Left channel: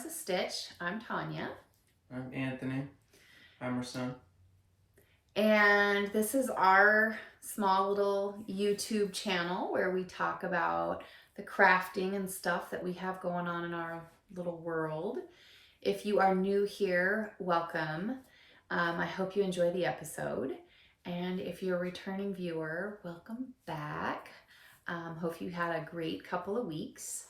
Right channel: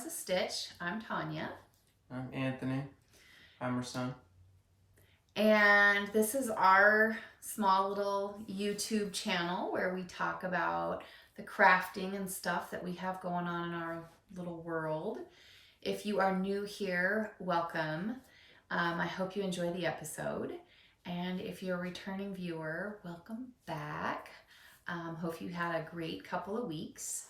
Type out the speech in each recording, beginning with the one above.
is a Stitch. I'm Tanya. I'm Anthony. I'm her son. And this is our small little YouTube channel where we talk about the crafting and stuff that we have going on in our little world. If you are new here, welcome. I hope you enjoy the episode. And if you're a returning viewer, welcome back. Hope you had a great couple of weeks.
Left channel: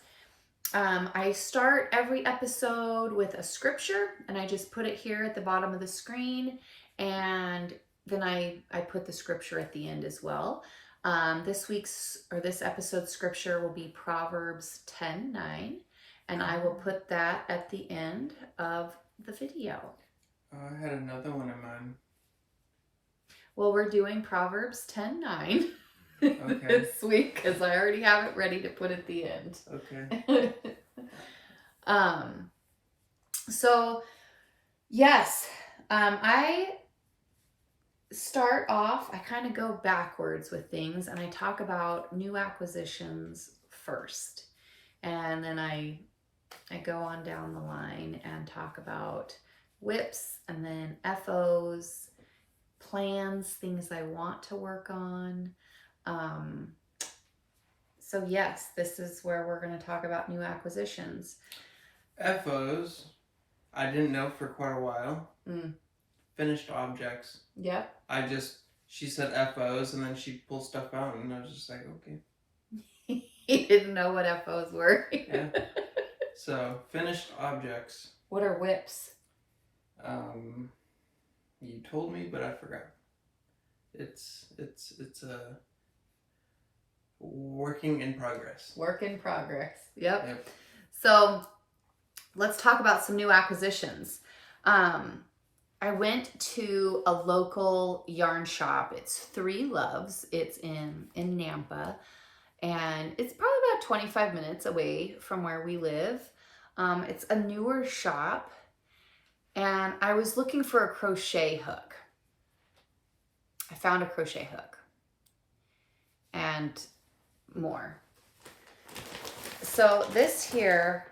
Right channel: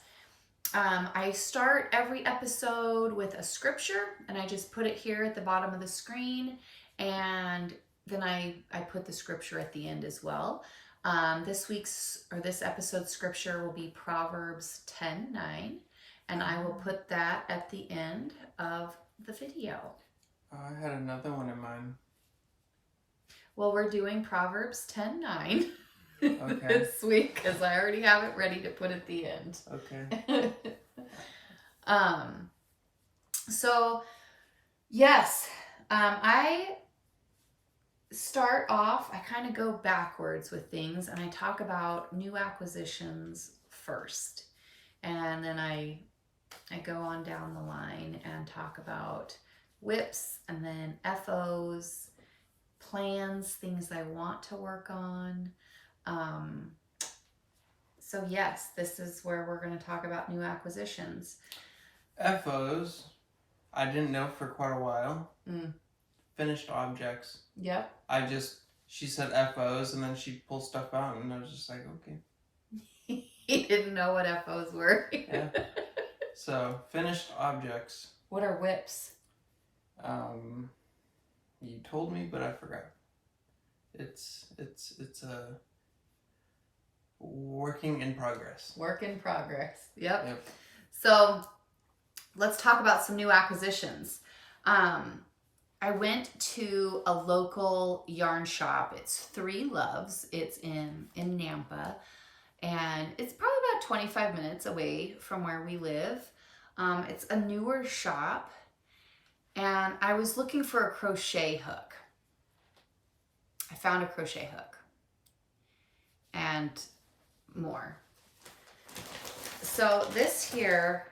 I start every episode with a scripture, and I just put it here at the bottom of the screen, and then I put the scripture at the end as well. This episode's scripture will be Proverbs 10:9, and I will put that at the end of the video. I had another one in mind. Well, we're doing Proverbs 10:9 Okay. this week because I already have it ready to put at the end. Okay. So yes, I start off, I kind of go backwards with things, and I talk about new acquisitions first, and then I go on down the line and talk about whips, and then FOs, plans, things I want to work on. So yes, this is where we're going to talk about new acquisitions. FOs, I didn't know for quite a while. Finished objects. Yep. She said FOs, and then she pulled stuff out, and I was just like, okay. He didn't know what FOs were. Yeah. So, finished objects. What are whips? You told me, but I forgot. It's a working in progress. Work in progress. Yep. Yep. So let's talk about some new acquisitions. I went to a local yarn shop. It's Three Loves. It's in Nampa, and it's probably about 25 minutes away from where we live. It's a newer shop, and I was looking for a crochet hook. I found a crochet hook and more. So this here,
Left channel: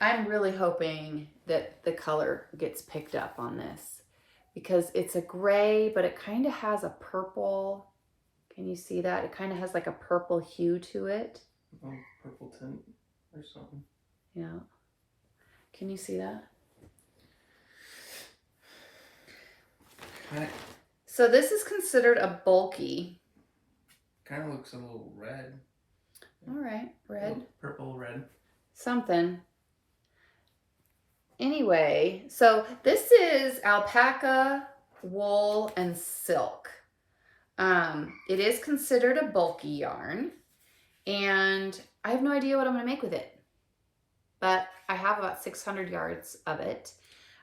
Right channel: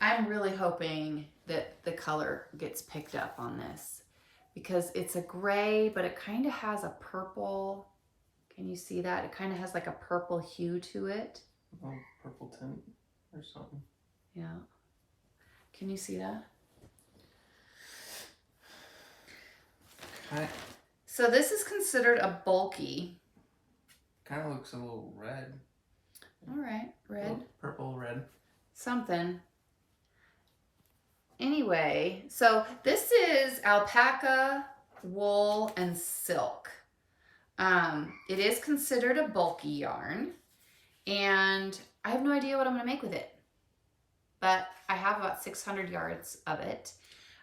I'm really hoping that the color gets picked up on this because it's a gray, but it kind of has a purple. Can you see that? It kind of has like a purple hue to it. Oh, purple tint or something. Yeah. Can you see that? So this is considered a bulky. Kind of looks a little red. All right, red. Purple, red. Something. Anyway, so this is alpaca, wool, and silk. It is considered a bulky yarn, and I have no idea what I'm going to make with it, but I have about 600 yards of it.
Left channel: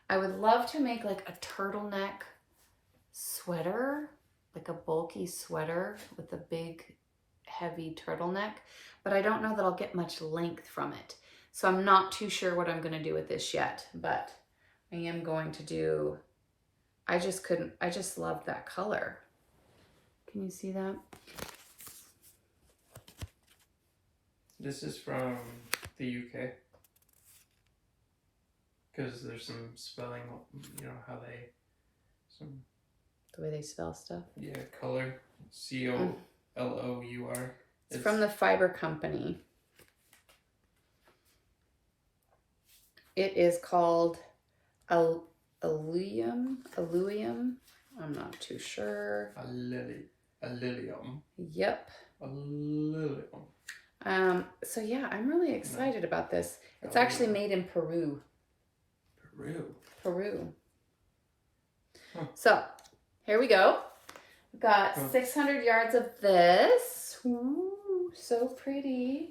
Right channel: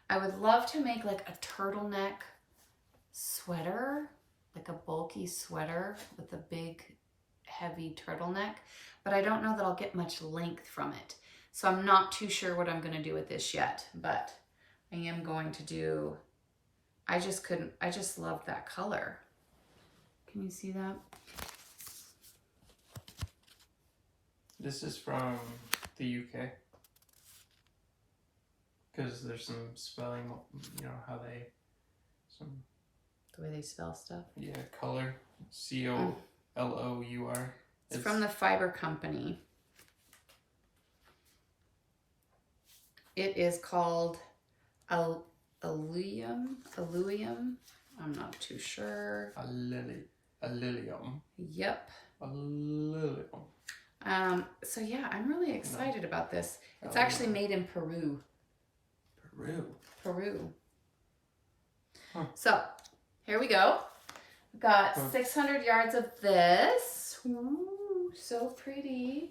I would love to make like a turtleneck sweater, like a bulky sweater with a big heavy turtleneck, but I don't know that I'll get much length from it. So I'm not too sure what I'm going to do with this yet, but I am going to do, I just love that color. Can you see that? This is from the UK. Because there's some spelling, how they, The way they spell stuff? Yeah, color, COLOUR. It's from the Fiber Company. It is called Alluvium. I'm not too sure. Alluvium. Yep. Alluvium. So yeah, I'm really excited about this. It's actually made in Peru. Peru. Huh. So here we go. We've got 600 yards of this. Ooh, so pretty.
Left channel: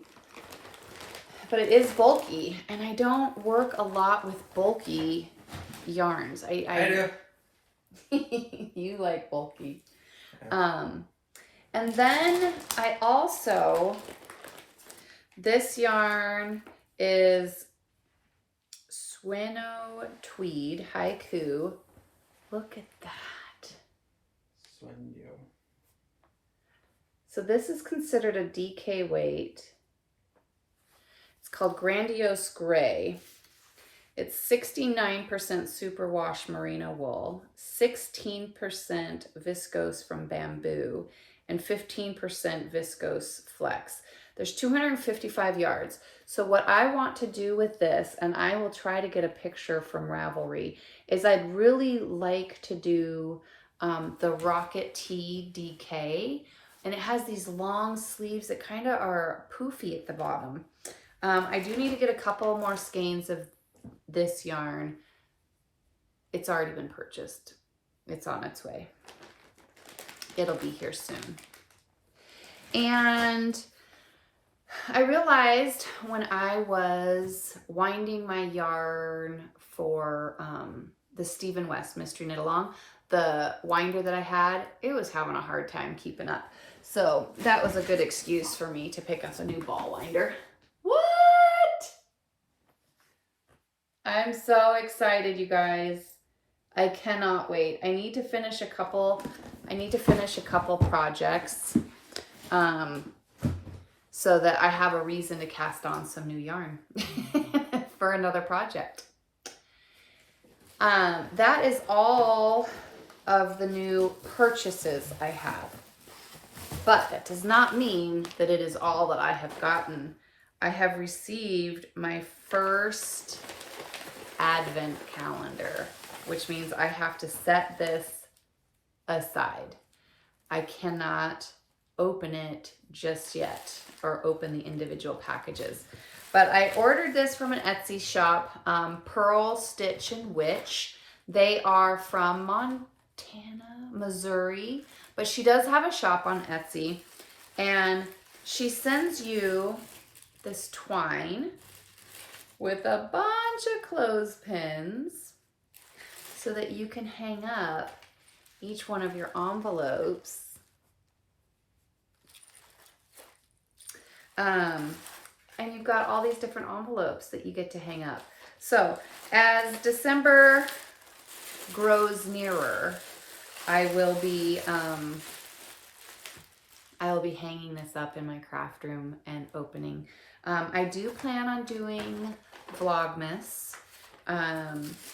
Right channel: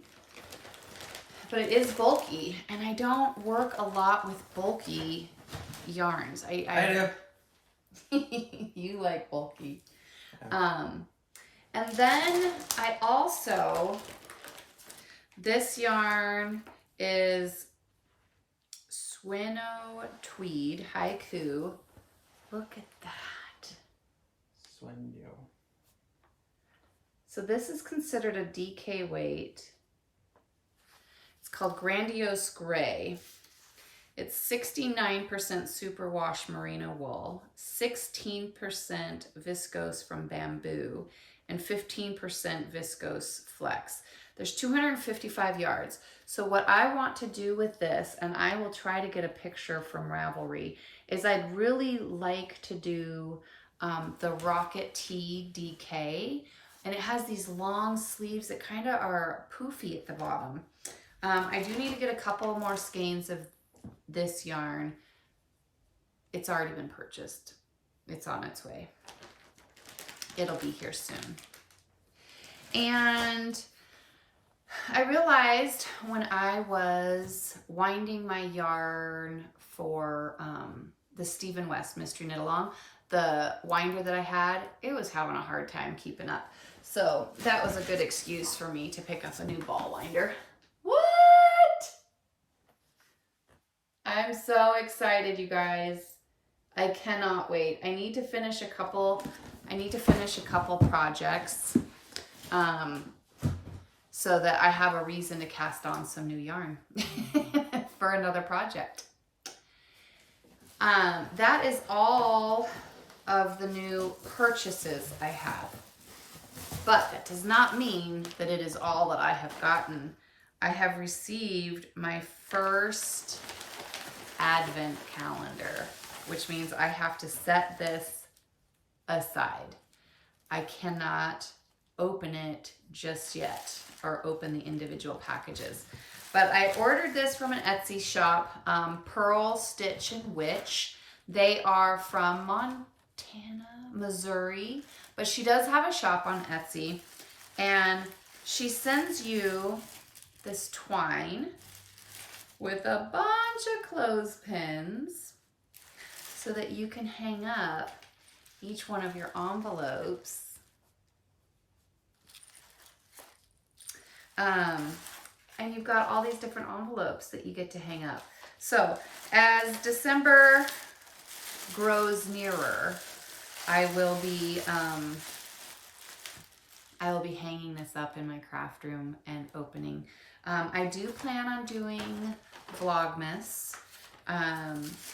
But it is bulky, and I don't work a lot with bulky yarns. I do. You like bulky. And then I also, this yarn is Swino Tweed Haiku. Look at that. Swino. So this is considered a DK weight. It's called Grandiose Gray. It's 69% superwash merino wool, 16% viscose from bamboo, and 15% viscose flex. There's 255 yards. So what I want to do with this, and I will try to get a picture from Ravelry, is I'd really like to do the Rocket Tee DK. And it has these long sleeves that kind of are poofy at the bottom. I do need to get a couple more skeins of this yarn. It's already been purchased. It's on its way. It'll be here soon. And I realized when I was winding my yarn for the Stephen West Mystery Knit Along, the winder that I had, it was having a hard time keeping up. So that was a good excuse for me to pick up a new ball winder. What? I'm so excited, you guys. I cannot wait. I need to finish a couple projects so that I have a reason to cast on some new yarn for another project. That is all of the new purchases I have. But that does not mean that it is all that I have gotten. I have received my first advent calendar, which means I have to set this aside. I cannot open it just yet or open the individual packages. But I ordered this from an Etsy shop, Pearl Stitch and Witch. They are from Montana, Missouri, but she does have a shop on Etsy, and she sends you this twine with a bunch of clothespins so that you can hang up each one of your envelopes. And you've got all these different envelopes that you get to hang up. So as December grows nearer, I will be hanging this up in my craft room and opening. I do plan on doing Vlogmas.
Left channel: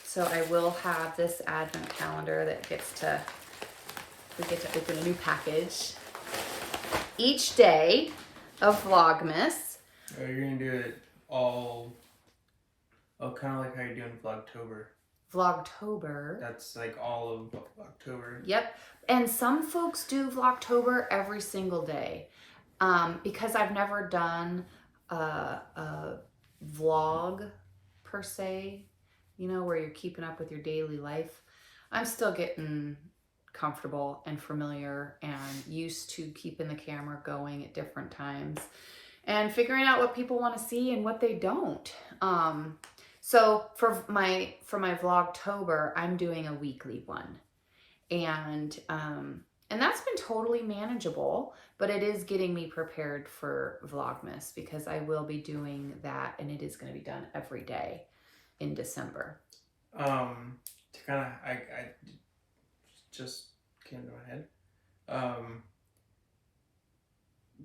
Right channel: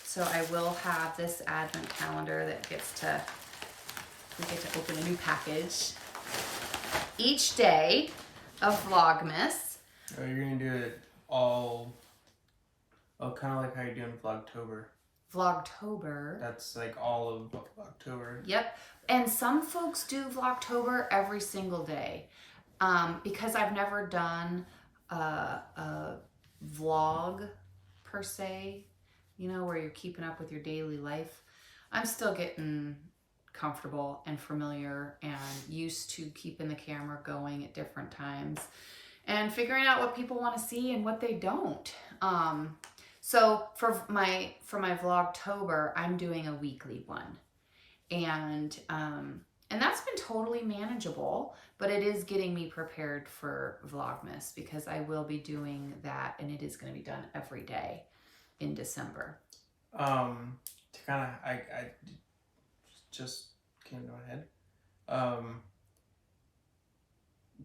So I will have this advent calendar that we get to open a new package each day of Vlogmas. Oh, you're gonna do it all, kind of like how you're doing Vlogtober. Vlogtober. That's like all of October. Yep. And some folks do Vlogtober every single day. Because I've never done a vlog per se, where you're keeping up with your daily life. I'm still getting comfortable and familiar and used to keeping the camera going at different times and figuring out what people want to see and what they don't. So for my Vlogtober, I'm doing a weekly one, and that's been totally manageable, but it is getting me prepared for Vlogmas because I will be doing that, and it is going to be done every day in December. To kind of, I just came to my head.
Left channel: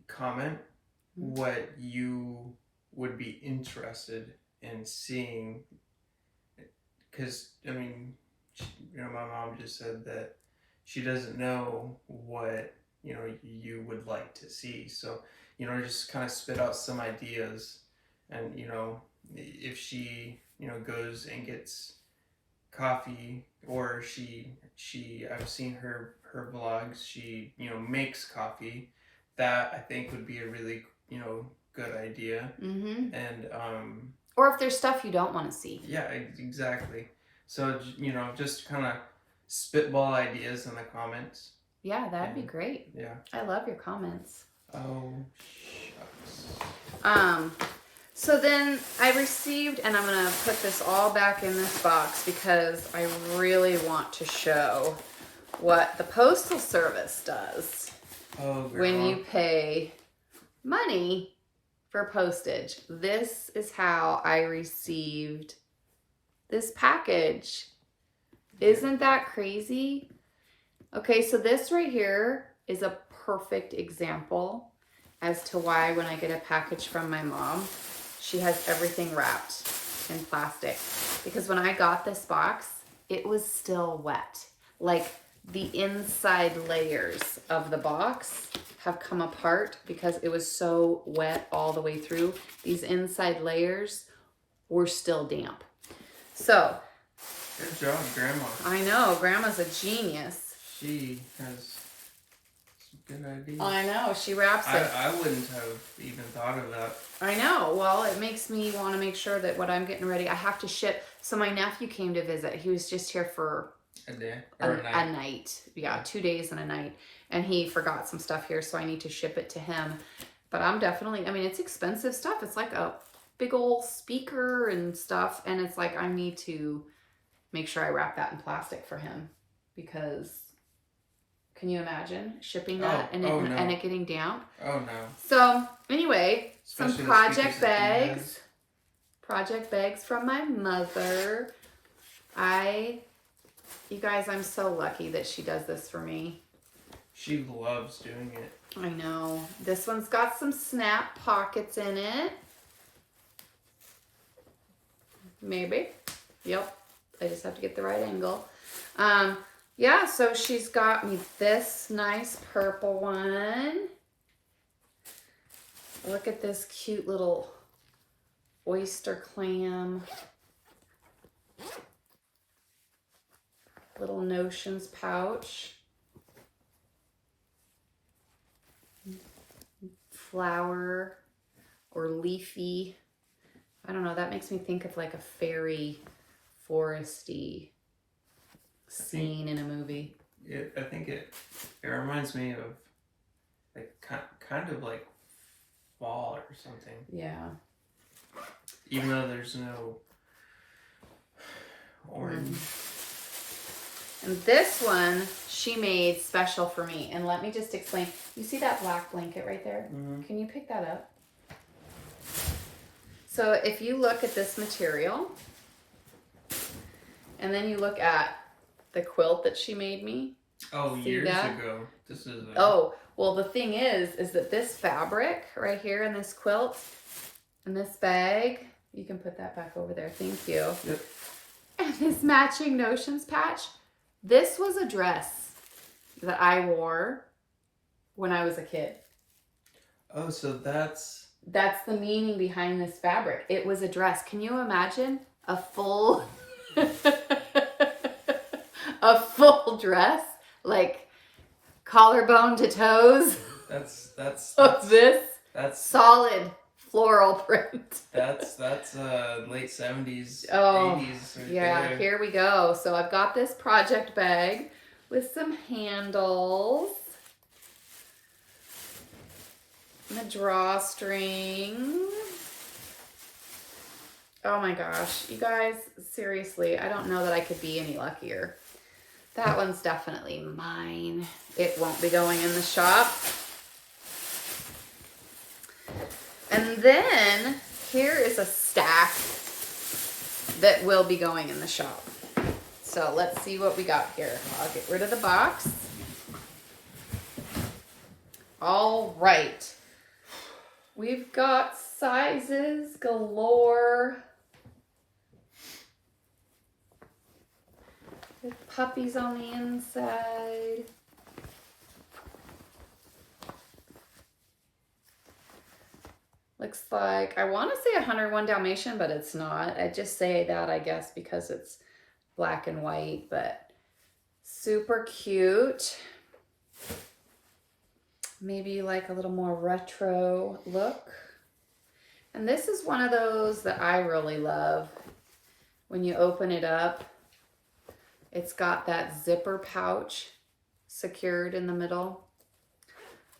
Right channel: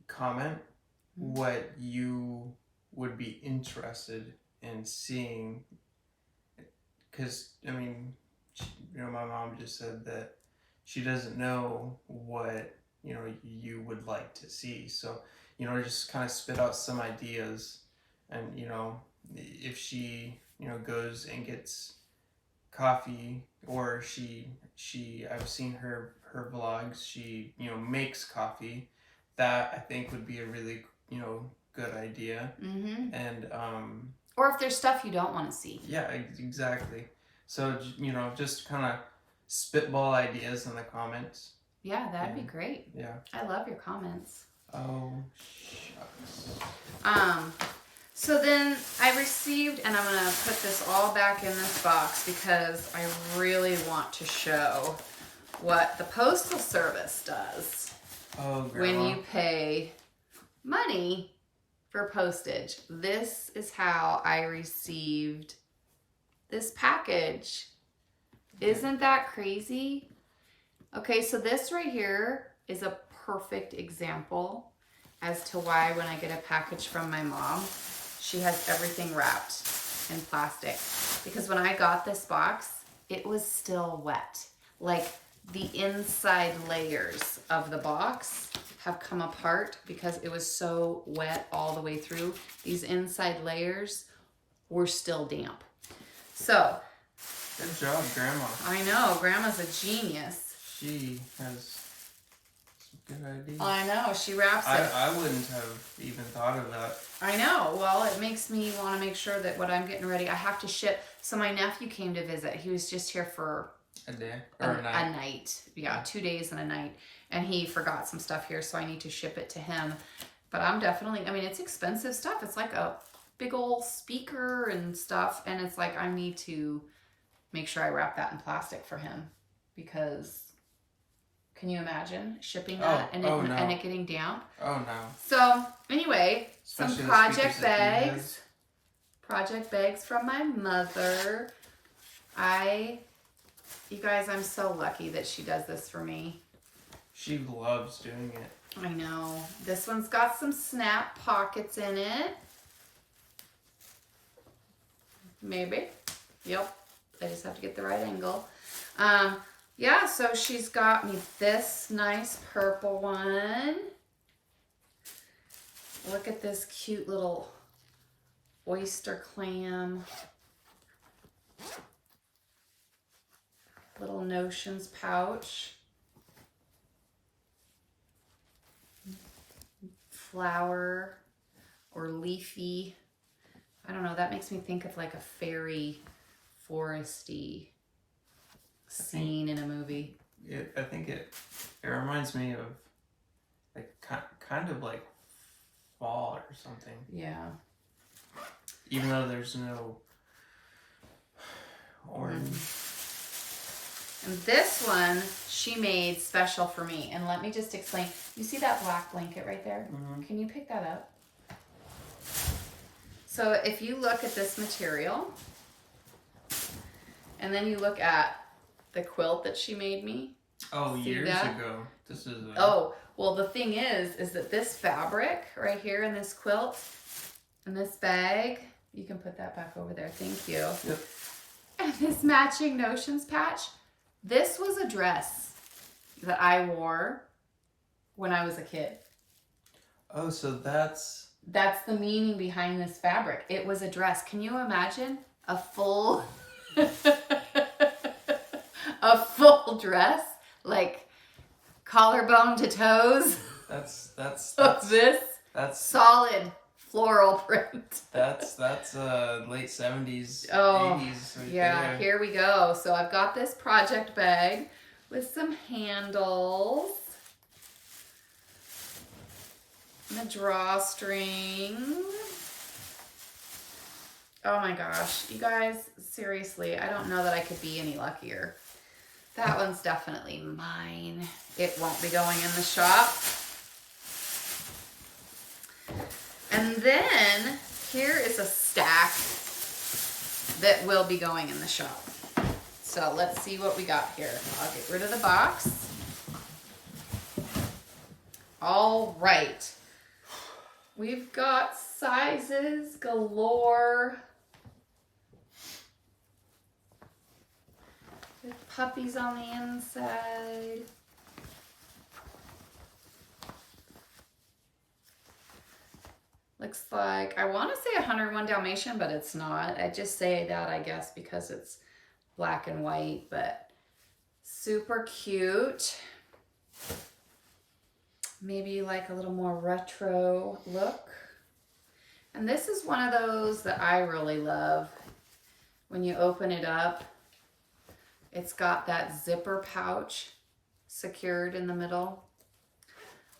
Comment what you would be interested in seeing, because I mean, my mom just said that she doesn't know what you would like to see. So just kind of spit out some ideas, and if she goes and gets coffee, or I've seen her vlogs, she makes coffee. That I think would be a really good idea. Mm-hmm. And or if there's stuff you don't want to see. Yeah, exactly. So just kind of spitball ideas in the comments. Yeah, that'd be great. Yeah, I love your comments. Oh shucks. So then I received, and I'm gonna put this all back in this box because I really want to show what the Postal Service does when you pay money for postage. This is how I received this package. Isn't that crazy? Okay, so this right here is a perfect example as to why when I get a package from my mom, she has everything wrapped. in plastic, because when I got this box, it was still wet. Like the inside layers of the box have come apart because it was so wet all the way through. These inside layers were still damp. So, good job, Grandma. I know, Grandma's a genius. She has some good ideas. I know, she wraps it. I wouldn't have even thought of that. I know. Well, it makes me want to make sure that what I'm getting ready, I have to ship. So my nephew came to visit. He was just here for a day or a night. A night. Yeah, 2 days and a night. And he forgot some stuff here, so I need to ship it to him. But I'm definitely, I mean, it's expensive stuff. It's like a big old speaker and stuff. And it's like, I need to make sure I wrap that in plastic for him, because can you imagine shipping that and it getting damp? Oh no. So anyway, Especially some project bags from my mother. You guys, I'm so lucky that she does this for me. She loves doing it. I know. This one's got some snap pockets in it. Maybe. Yep. I just have to get the right angle. Yeah, so she's got me this nice purple one. Look at this cute little oyster clam. Little notions pouch. Flower or leafy. I don't know, that makes me think of like a fairy foresty scene in a movie. I think it reminds me of like kind of like fall or something. Yeah. Even though there's no orange. And this one she made special for me. And let me just explain. You see that black blanket right there? Mm-hmm. Can you pick that up? So if you look at this material, and then you look at the quilt that she made me. Oh, years ago. This is well, the thing is that this fabric right here in this quilt and this bag, you can put that back over there. Thank you. Yep. And this matching notions patch, this was a dress that I wore when I was a kid. Oh, so that's the meaning behind this fabric. It was a dress. Can you imagine a full a full dress, like collarbone to toes? That's of this. That's solid floral print. That's late 70s, Oh, 80s. Right yeah, there. here we go. So I've got this project bag with some handles. And a drawstring. Oh my gosh, you guys, seriously, I don't know that I could be any luckier. That one's definitely mine. It won't be going in the shop. And then here is a stack that will be going in the shop. So let's see what we got here. I'll get rid of the box. All right. We've got sizes galore. With puppies on the inside. Looks like, I want to say 101 Dalmatian, but it's not. I just say that, I guess, because it's black and white, but super cute. Maybe like a little more retro look. And this is one of those that I really love. When you open it up, it's got that zipper pouch secured in the middle.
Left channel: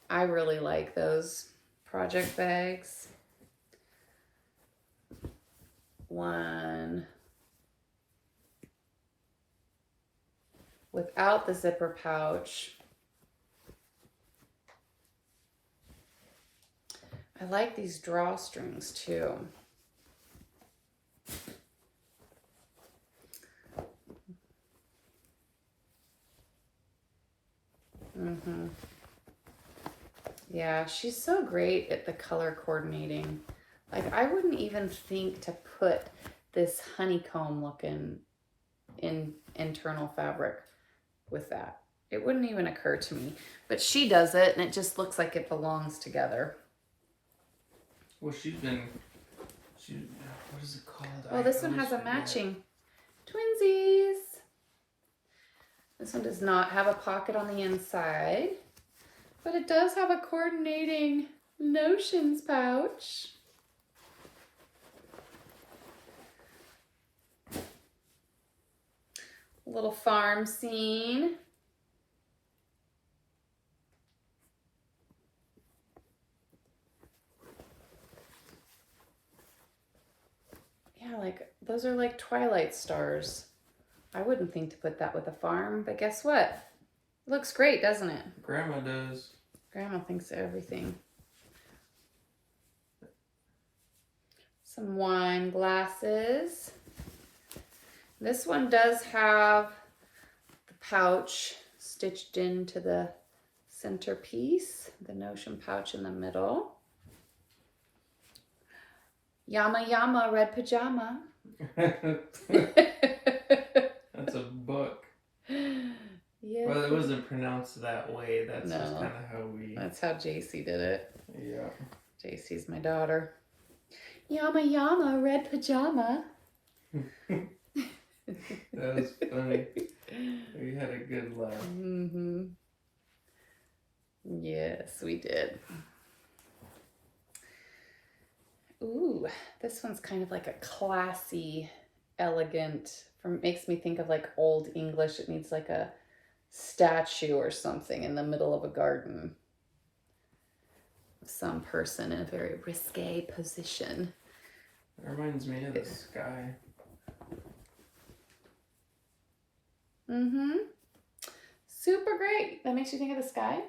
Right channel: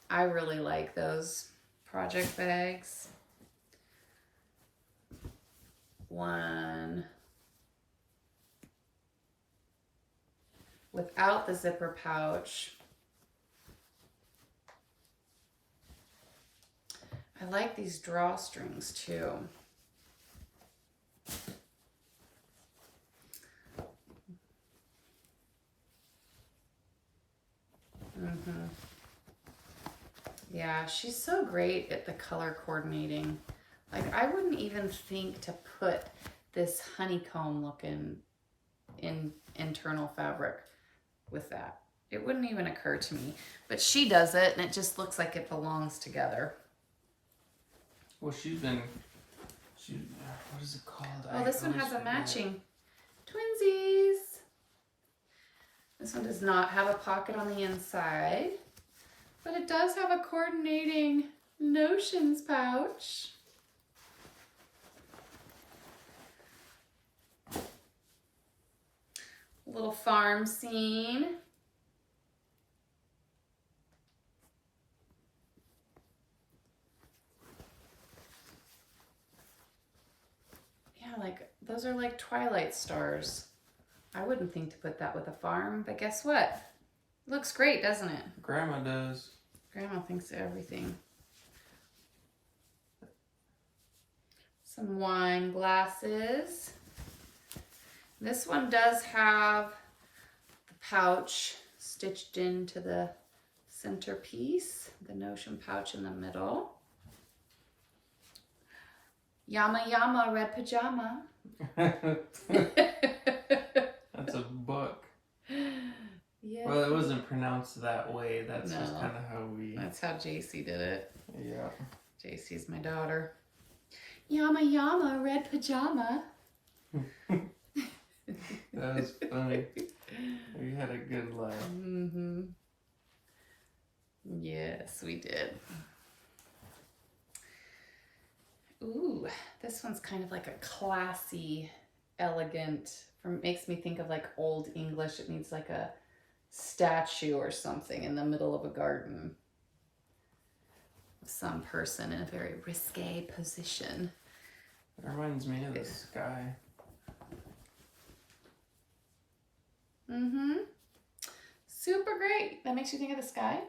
I really like those project bags. One without the zipper pouch. I like these drawstrings too. Yeah, she's so great at the color coordinating. Like, I wouldn't even think to put this honeycomb looking internal fabric with that. It wouldn't even occur to me, but she does it and it just looks like it belongs together. Well, what is it called? Oh, this one has a matching twinsies. This one does not have a pocket on the inside, but it does have a coordinating notions pouch. A little farm scene. Yeah, like those are like twilight stars. I wouldn't think to put that with a farm, but guess what? It looks great, doesn't it? Grandma does. Grandma thinks of everything. Some wine glasses. This one does have the pouch stitched into the centerpiece, the notion pouch in the middle. Yama Yama red pajama. That's a book. Yes. Well, it wasn't pronounced that way. That's No. just kind of how we... That's how JC did it. Yeah. JC's my daughter. Yama Yama red pajama. That was funny. We had a good laugh. Mm-hmm. Yes, we did. Ooh, this one's kind of like a classy, elegant, makes me think of like Old English. It needs like a statue or something in the middle of a garden. Some person in a very risque position. It reminds me of the sky. Mm-hmm. Super great. That makes you think of the sky?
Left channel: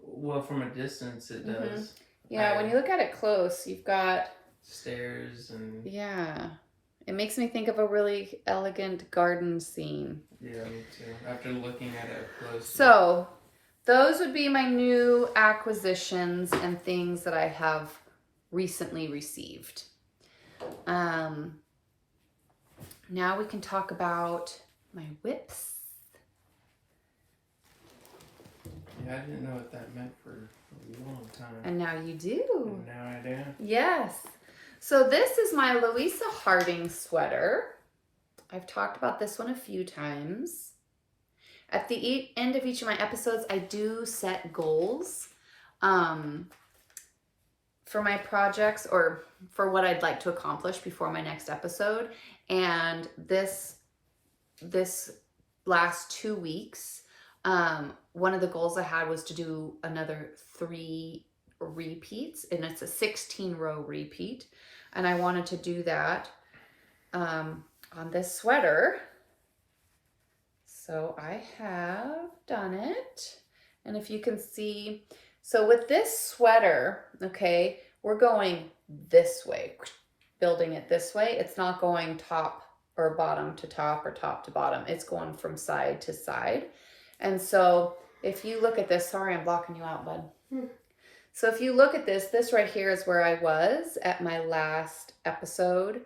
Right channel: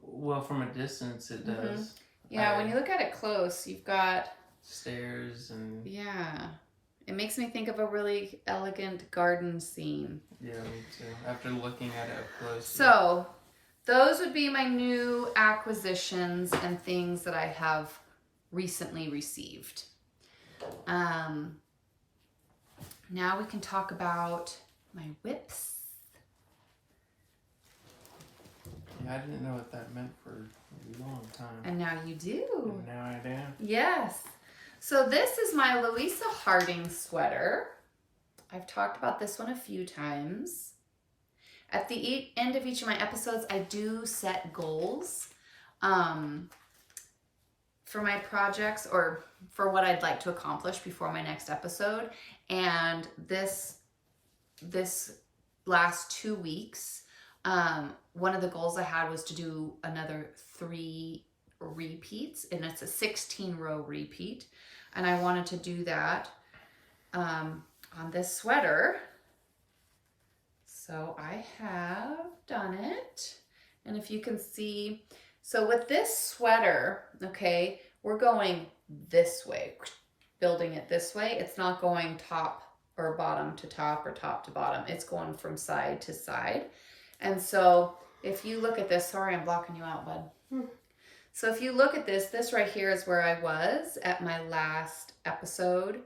Well, from a distance it does. Yeah, when you look at it close, you've got... stairs and... Yeah. It makes me think of a really elegant garden scene. Yeah, me too. After looking at it up close. So, those would be my new acquisitions and things that I have recently received. Now we can talk about my whips. Yeah, I didn't know what that meant for a long time. And now you do. And now I do. Yes. So this is my Louisa Harding sweater. I've talked about this one a few times. At the end of each of my episodes, I do set goals for my projects or for what I'd like to accomplish before my next episode. And this last 2 weeks, one of the goals I had was to do another 3 repeats, and it's a 16-row repeat. And I wanted to do that on this sweater. So I have done it. And if you can see, so with this sweater, okay, we're going this way, building it this way. It's not going top or bottom to top or top to bottom. It's going from side to side. And so if you look at this, sorry, I'm blocking you out, bud. So if you look at this right here is where I was at my last episode.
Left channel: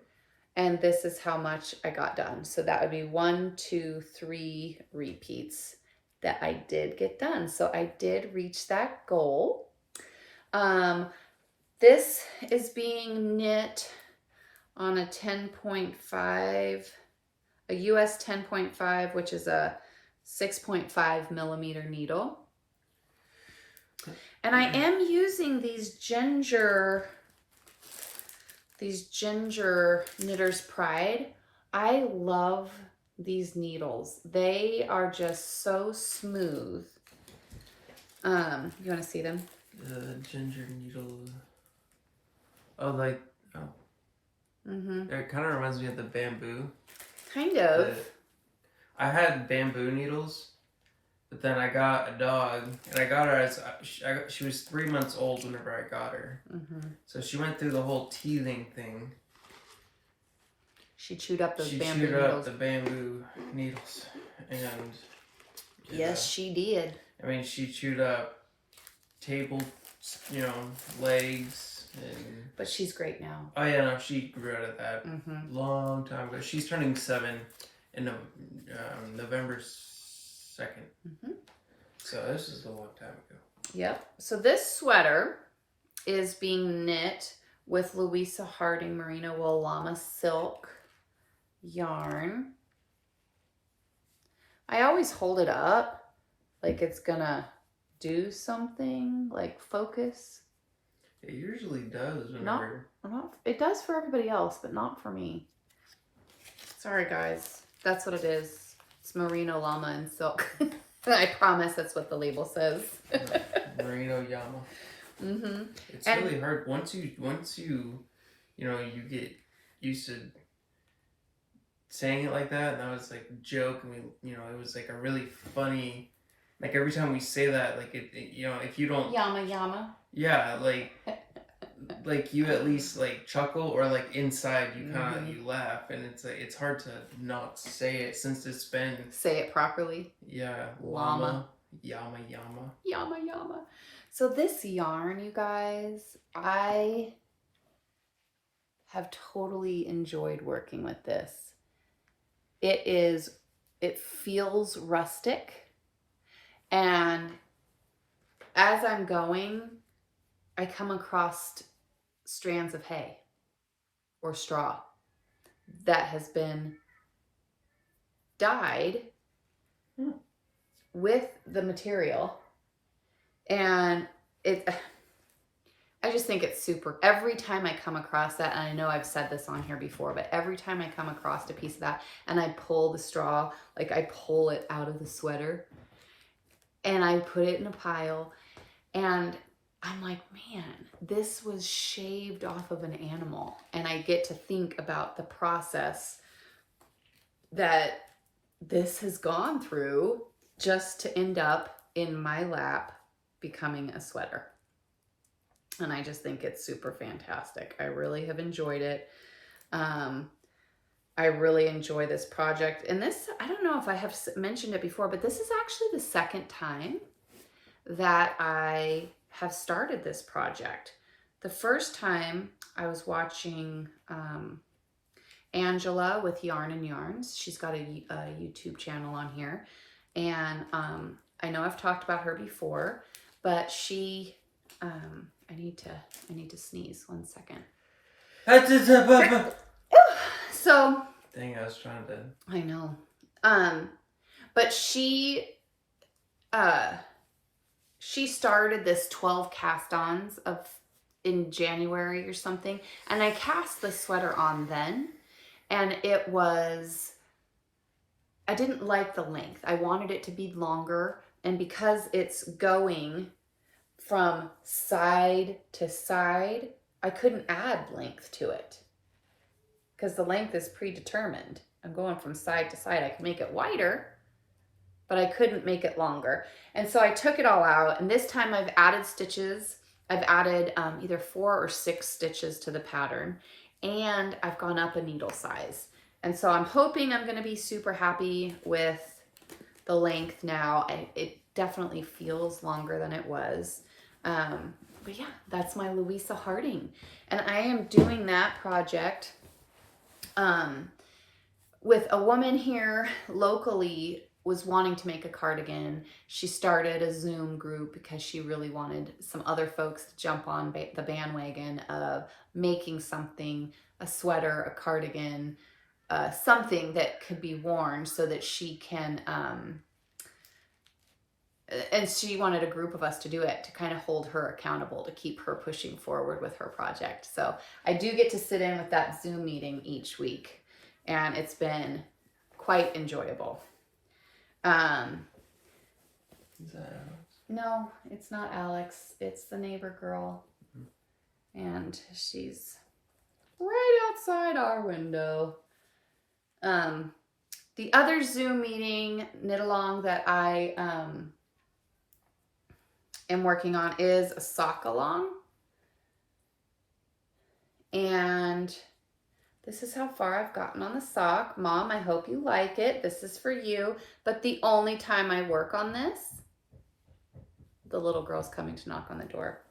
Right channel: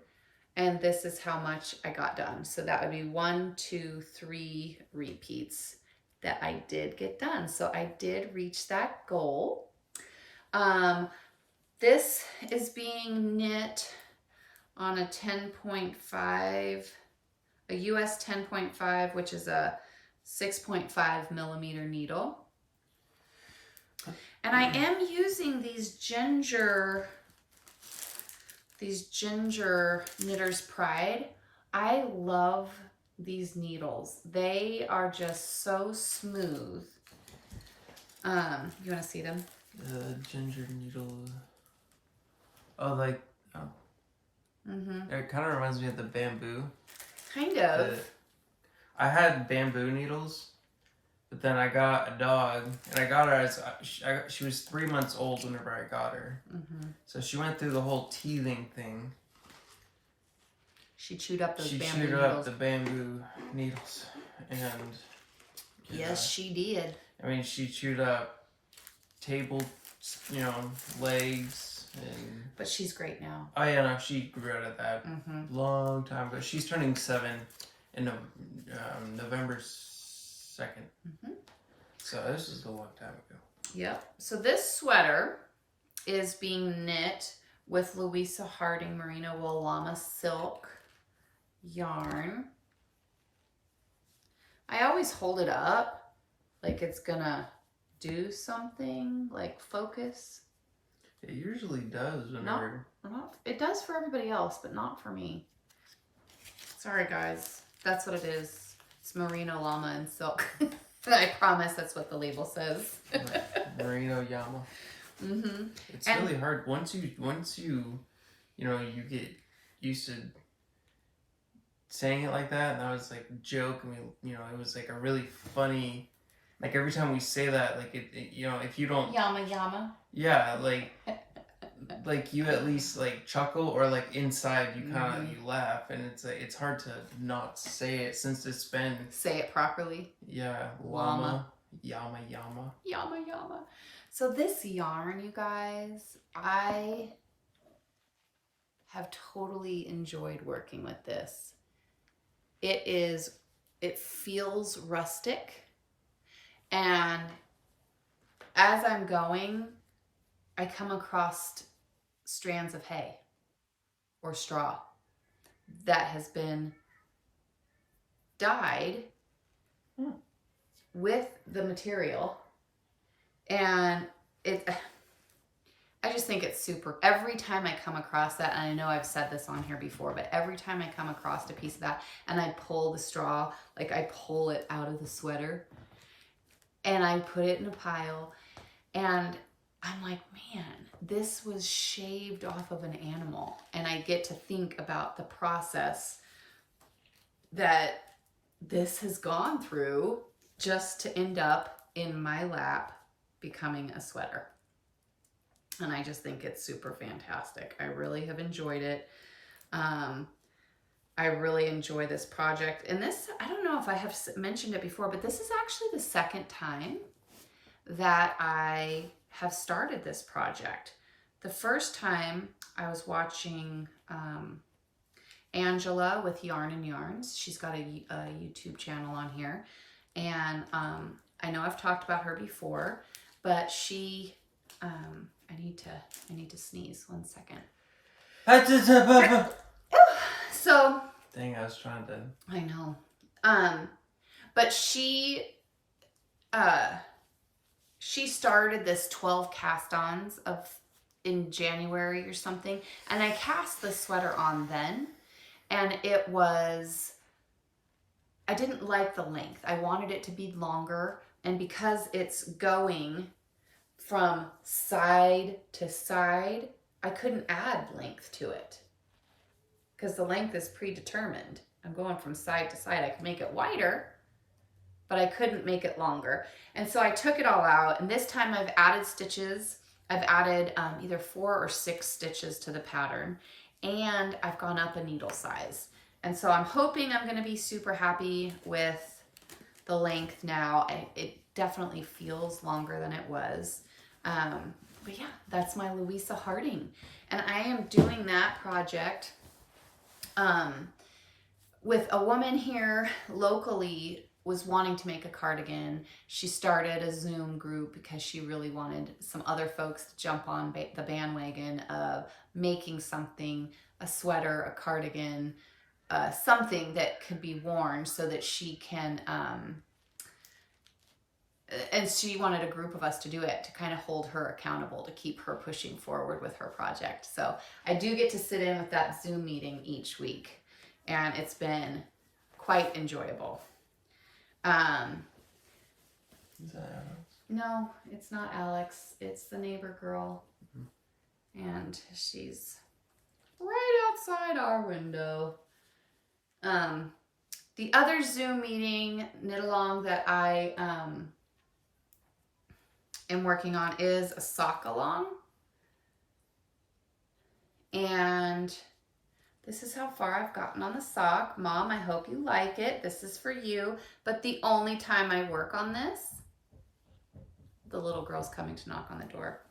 And this is how much I got done. So that would be 1, 2, 3 repeats that I did get done. So I did reach that goal. This is being knit on a 10.5, a US 10.5, which is a 6.5 millimeter needle. And I am using these ginger Knitter's Pride. I love these needles. They are just so smooth. You want to see them? The ginger needle. Oh, like, oh. Mm-hmm. It kind of reminds me of the bamboo. Kind of. I had bamboo needles, but then I got a dog, and I got her as she was 3 months old whenever I got her. Mm-hmm. So she went through the whole teething thing. She chewed up those bamboo needles. She chewed up the bamboo needles, and yes, she did. I mean, she chewed up table, legs, And but she's great now. Oh yeah, no, she grew out of that long time ago. She's turning 7 in November 2nd. So this is a long time ago. Yep. So this sweater is being knit with Louisa Harding Merino Wool Llama Silk yarn. I always hold it up like it's gonna do something, like focus. It usually does. It does for everybody else, but not for me. Sorry, guys. That's what it is. It's merino llama and silk. I promise that's what the label says. Merino llama. It's really hard once you you get used to saying it like that, and that was like a joke. I mean, it was like a really funny. Like every time we say that, like it if you don't Yama. Yeah, like you at least like chuckle, or like inside you kind of you laugh, and it's like it's hard to not say it since it's been say it properly. Yeah, llama, yama. So this yarn, you guys, I have totally enjoyed working with this. It feels rustic, and as I'm going, I come across strands of hay or straw that has been dyed with the material, and I just think it's super. Every time I come across that, and I know I've said this on here before, but every time I come across a piece of that and I pull the straw, like I pull it out of the sweater and I put it in a pile, and I'm like, man, this was shaved off of an animal. And I get to think about the process that this has gone through just to end up in my lap becoming a sweater. And I just think it's super fantastic. I really have enjoyed it. I really enjoy this project. And this, I don't know if I have mentioned it before, but this is actually the second time that I have started this project. The first time I was watching Angela with Yarn and Yarns. She's got a YouTube channel on here. And I know I've talked about her before, but she, I need to sneeze 1 second. So. Dang, I was trying to. I know. But she started this 12 cast-ons in January or something, and I cast the sweater on then, and I didn't like the length. I wanted it to be longer, and because it's going from side to side, I couldn't add length to it because the length is predetermined. I'm going from side to side. I can make it wider, but I couldn't make it longer. And so I took it all out, and this time I've added stitches. I've added either 4 or 6 stitches to the pattern, and I've gone up a needle size. And so I'm hoping I'm going to be super happy with the length now. It definitely feels longer than it was. But yeah, that's my Louisa Harding. And I am doing that project with a woman here locally was wanting to make a cardigan. She started a Zoom group because she really wanted some other folks to jump on the bandwagon of making something, a sweater, a cardigan, something that could be worn so that she can, and she wanted a group of us to do it, to kind of hold her accountable, to keep her pushing forward with her project. So I do get to sit in with that Zoom meeting each week, and it's been quite enjoyable. Is that Alex? No, it's not Alex. It's the neighbor girl. And she's right outside our window. The other Zoom meeting, knit along, that I am working on is a sock along. And this is how far I've gotten on the sock. Mom, I hope you like it. This is for you. But the only time I work on this, the little girl's coming to knock on the door.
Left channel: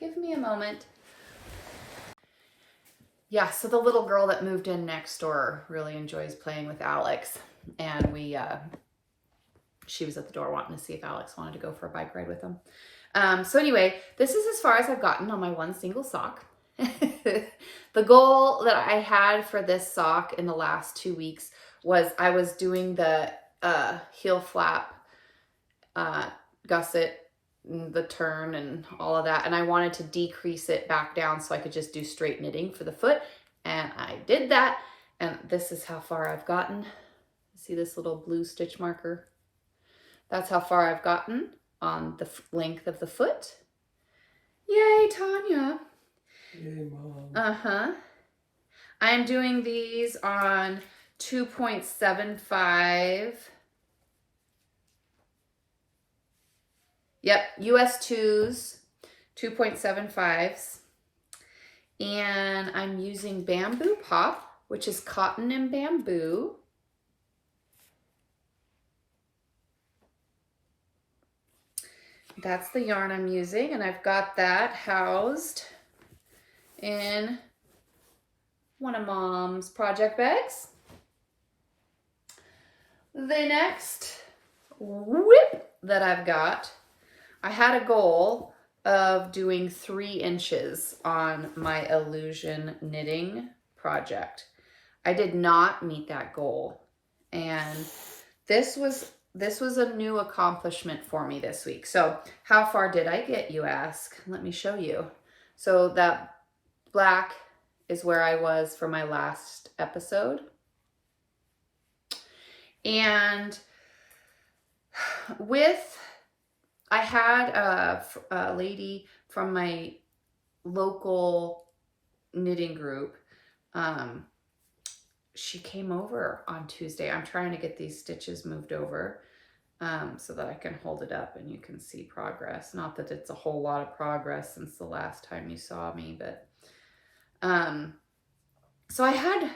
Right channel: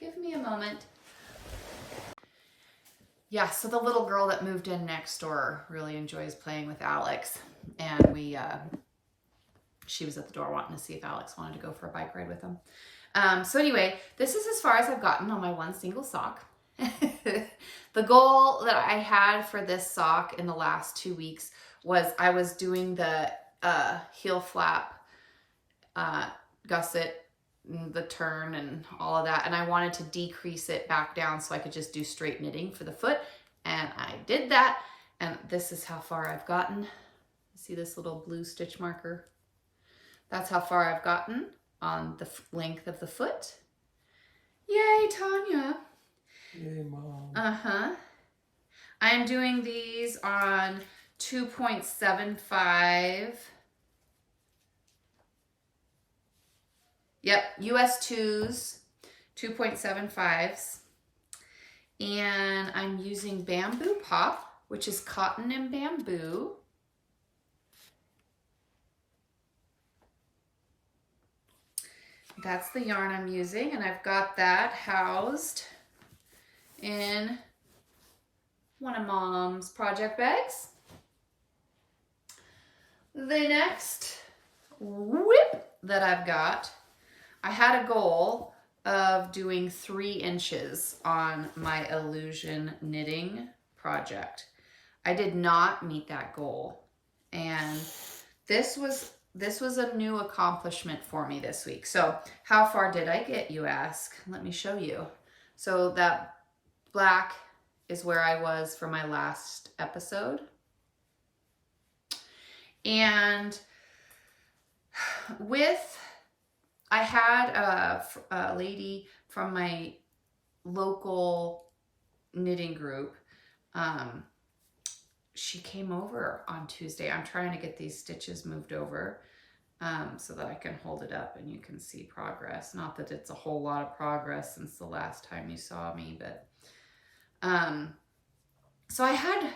Give me a moment. Yeah, so the little girl that moved in next door really enjoys playing with Alex. And she was at the door wanting to see if Alex wanted to go for a bike ride with him. So anyway, this is as far as I've gotten on my one single sock. The goal that I had for this sock in the last 2 weeks was I was doing the heel flap, gusset, the turn and all of that, and I wanted to decrease it back down so I could just do straight knitting for the foot, and I did that, and this is how far I've gotten. See this little blue stitch marker? That's how far I've gotten on the length of the foot. Yay, Tanya. Yay, Mom. I'm doing these on 2.75. Yep, US 2s, 2.75s. And I'm using Bamboo Pop, which is cotton and bamboo. That's the yarn I'm using, and I've got that housed in one of Mom's project bags. The next whip that I've got, I had a goal of doing 3 inches on my illusion knitting project. I did not meet that goal, and this was a new accomplishment for me this week. So how far did I get, you ask? Let me show you. So that black is where I was for my last episode. And I had a lady from my local knitting group. She came over on Tuesday. I'm trying to get these stitches moved over so that I can hold it up and you can see progress. Not that it's a whole lot of progress since the last time you saw me, but so I had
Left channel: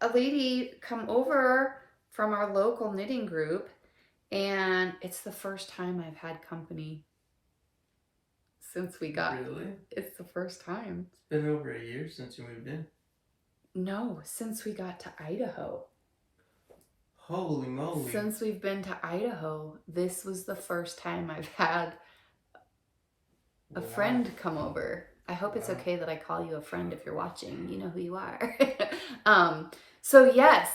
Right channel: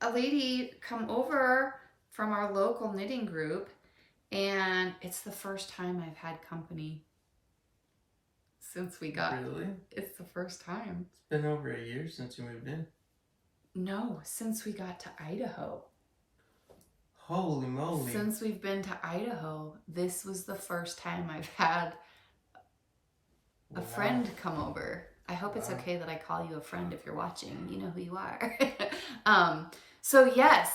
a lady come over from our local knitting group, and it's the first time I've had company since we got. Really? It's the first time. It's been over a year since you moved in. No, since we got to Idaho. Holy moly. Since we've been to Idaho, this was the first time I've had a friend come over. I hope it's okay that I call you a friend if you're watching. You know who you are. So yes,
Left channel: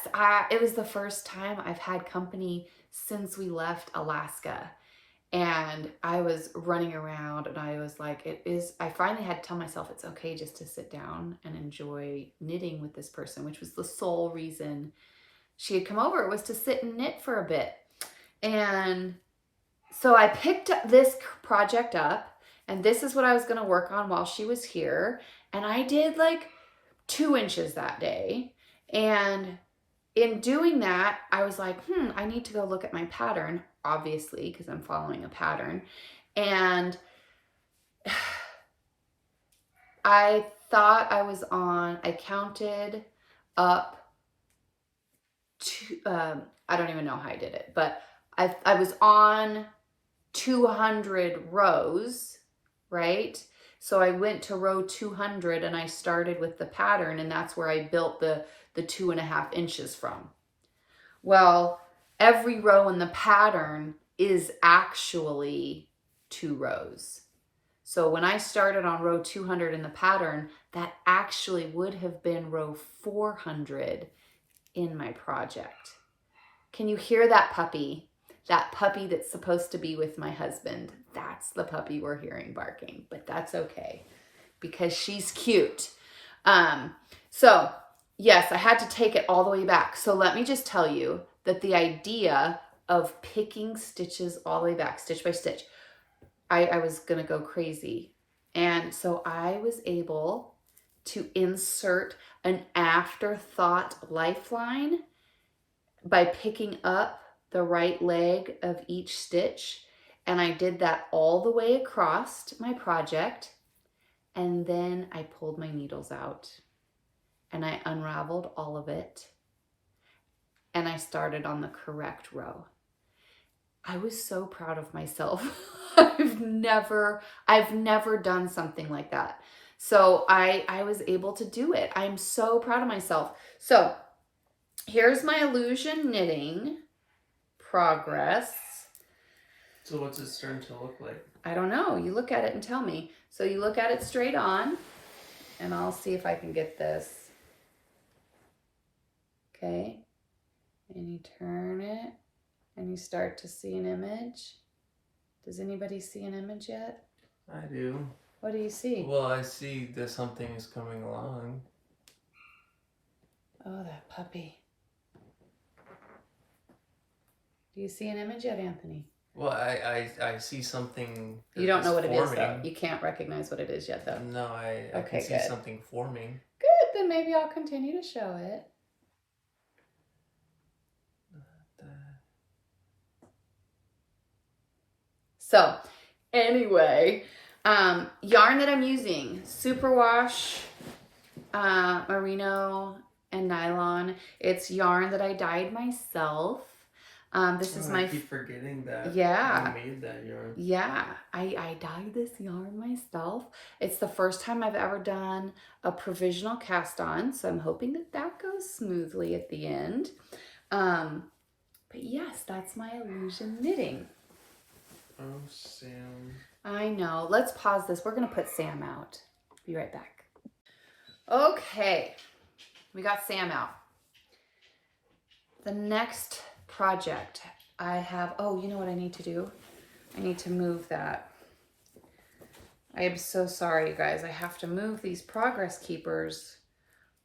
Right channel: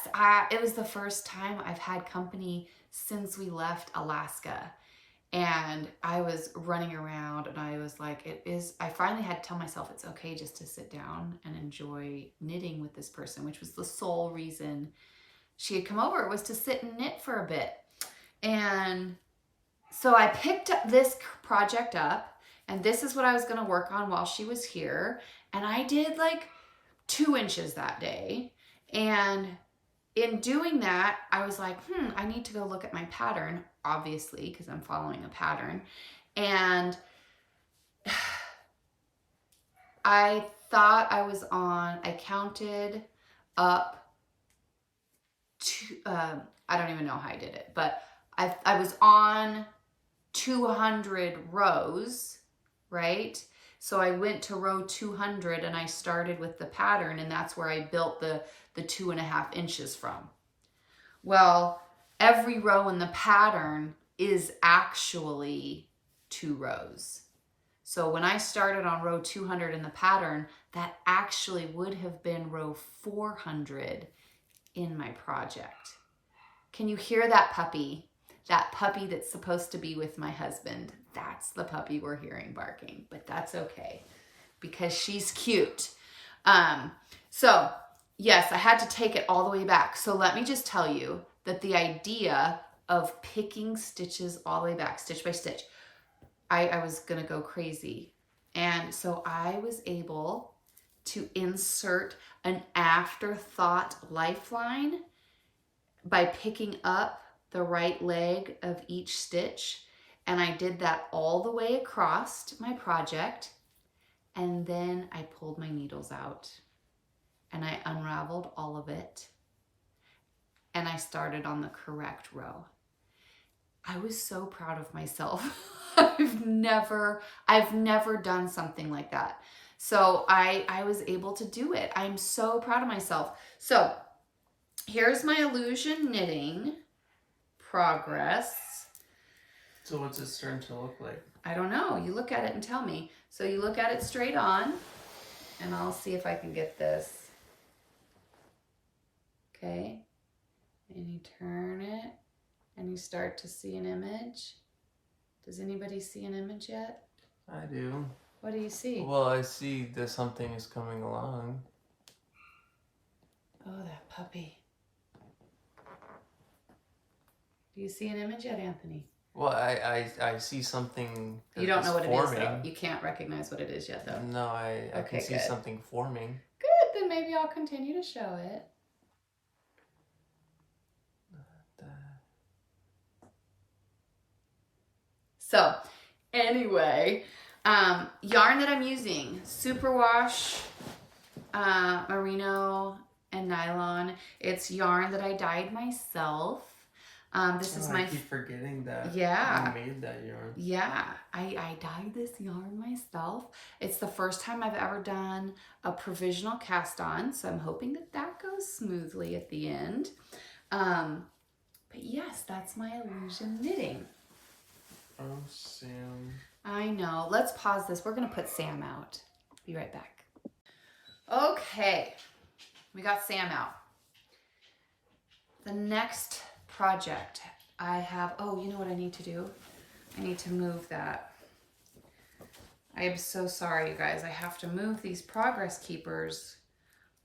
it was the first time I've had company since we left Alaska. And I was running around and I was like, I finally had to tell myself it's okay just to sit down and enjoy knitting with this person, which was the sole reason she had come over, was to sit and knit for a bit. And so I picked up this project up, and this is what I was going to work on while she was here. And I did like 2 inches that day. And in doing that, I was like, I need to go look at my pattern, obviously, because I'm following a pattern. And I thought I counted up to, I don't even know how I did it, but I was on 200 rows, right? So I went to row 200 and I started with the pattern, and that's where I built the 2.5 inches from. Well, every row in the pattern is actually 2 rows. So when I started on row 200 in the pattern, that actually would have been row 400 in my project. Can you hear that puppy? That puppy that's supposed to be with my husband. That's the puppy we're hearing barking, but that's okay because she's cute. So yes, I had to take it all the way back. So let me just tell you that the idea of picking stitches all the way back, stitch by stitch, I was going to go crazy. And so I was able to insert an afterthought lifeline by picking up the right leg of each stitch. And I did that all the way across my project. And then I pulled my needles out and I unraveled all of it. And I started on the correct row. I was so proud of myself. I've never done something like that. So I was able to do it. I'm so proud of myself. So here's my illusion knitting progress. So what's it starting to look like? I don't know. You look at it and tell me. So you look at it straight on, and I'll see if I can get this. Okay. And you turn it, and you start to see an image. Does anybody see an image yet? I do. What do you see? Well, I see that something is coming along. Oh, that puppy. Do you see an image yet, Anthony? Well, I see something. You don't know what forming. it is, though. You can't recognize what it is yet, though. No, I Okay, can see good. something forming. Good, then maybe I'll continue to show it. So, anyway, yarn that I'm using, superwash, merino, and nylon. It's yarn that I dyed myself. This is I keep forgetting that. Yeah. You made that yarn. Yeah, I dyed this yarn myself. It's the first time I've ever done a provisional cast on, so I'm hoping that that goes smoothly at the end. But yes, that's my illusion knitting. Oh, Sam. I know. Let's pause this. We're going to put Sam out. Be right back. Okay, we got Sam out. The next project I have, oh, you know what I need to do? I need to move that. I am so sorry, you guys. I have to move these progress keepers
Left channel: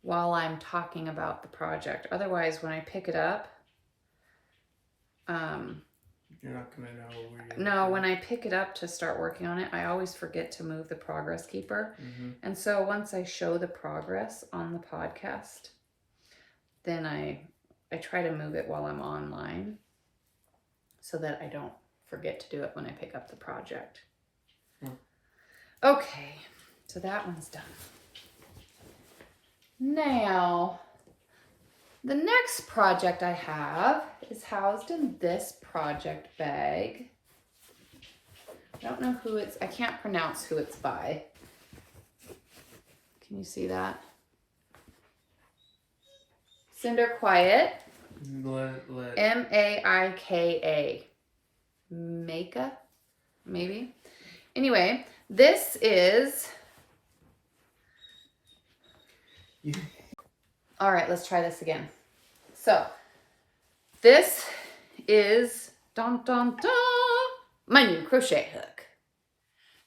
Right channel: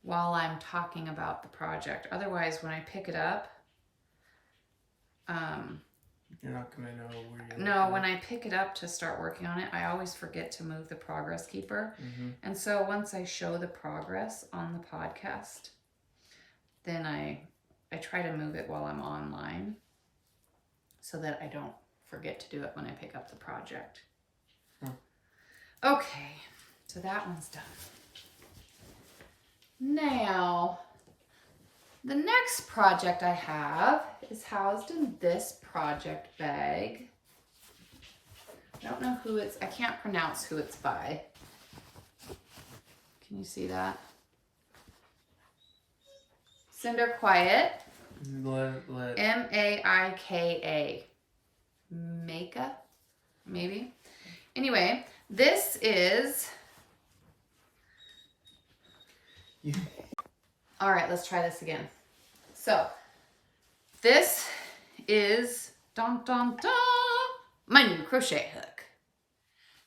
while I'm talking about the project. Otherwise, when I pick it up, you're not going to know where you're no, when I pick it up to start working on it, I always forget to move the progress keeper. Mm-hmm. And so once I show the progress on the podcast, then I try to move it while I'm online so that I don't forget to do it when I pick up the project. Okay, so that one's done. Now, the next project I have is housed in this project bag. I don't know who it's, I can't pronounce who it's by. Can you see that? Cinder Quiet. M-A-I-K-A. Maika, maybe. Anyway, this is... All right, let's try this again. So, this is dun, dun, dun, my new crochet hook.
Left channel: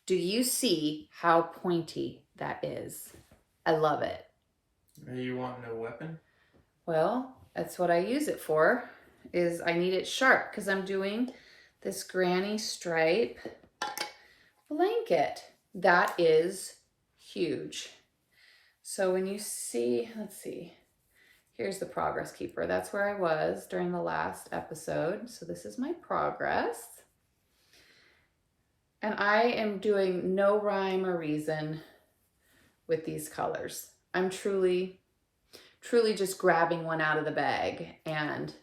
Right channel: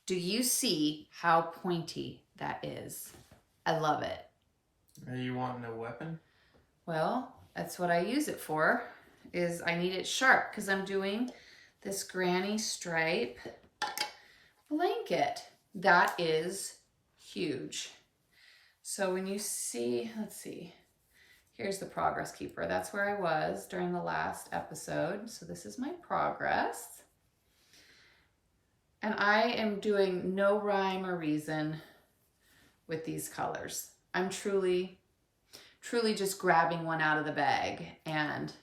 Do you see how pointy that is? I love it. Are you wanting a weapon? Well, that's what I use it for, is I need it sharp because I'm doing this granny stripe blanket. That is huge. So when you see, let's see, here's the progress keeper. That's where I was during the last episode. So this is my progress. And I am doing no rhyme or reason with these colors. I'm truly just grabbing one out of the bag and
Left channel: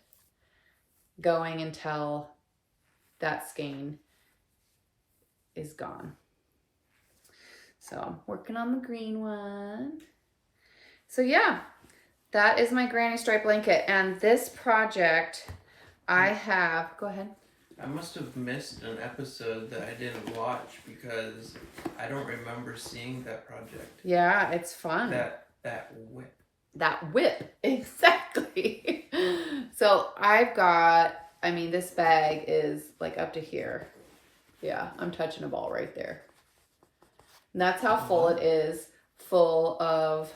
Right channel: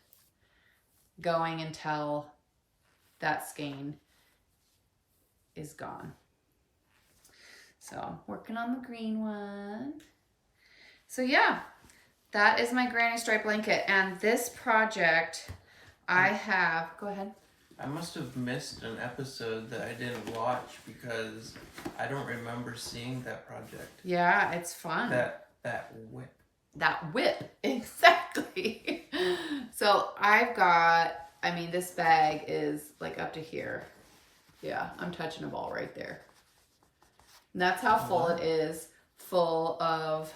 going until that skein is gone. So I'm working on the green one. So yeah, that is my granny stripe blanket. And this project I have, go ahead. I must have missed an episode that I didn't watch because I don't remember seeing that project. Yeah, it's fun. That whip. That whip, exactly. So I've got, I mean, this bag is like up to here. Yeah, I'm touching a ball right there. And that's how full it is, full of,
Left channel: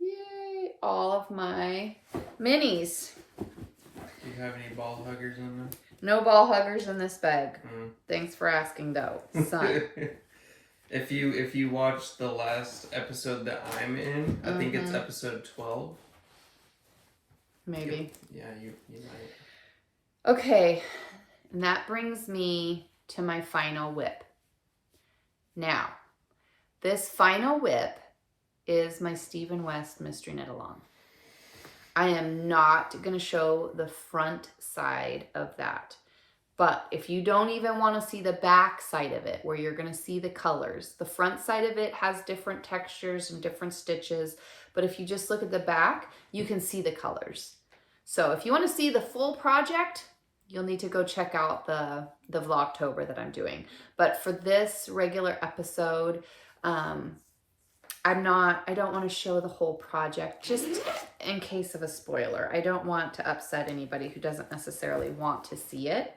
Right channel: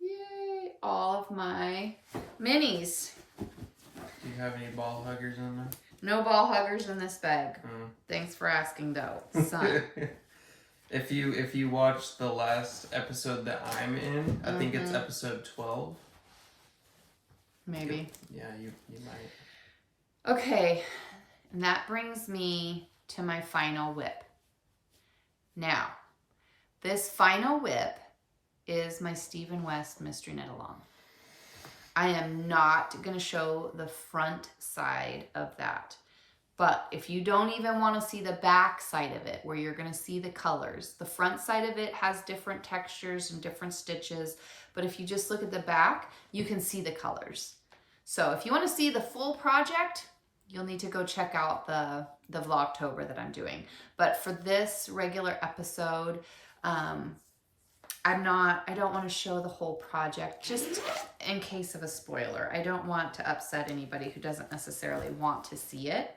yay, all of my minis. Do you have any ball huggers in them? No ball huggers in this bag. Thanks for asking though, son. If you watch the last episode that I'm in, I think it's episode 12. Maybe. Yeah, you might. Okay, and that brings me to my final whip. Now, this final whip is my Stephen West Mystery Knit Along. I am not going to show the front side of that, But if you don't even want to see the back side of it, where you're going to see the colors, the front side of it has different textures and different stitches. But if you just look at the back, you can see the colors. So if you want to see the full project, you'll need to go check out the Vlogtober that I'm doing. But for this regular episode, I don't want to show the whole project just in case of a spoiler. I don't want to upset anybody who doesn't necessarily want to see it.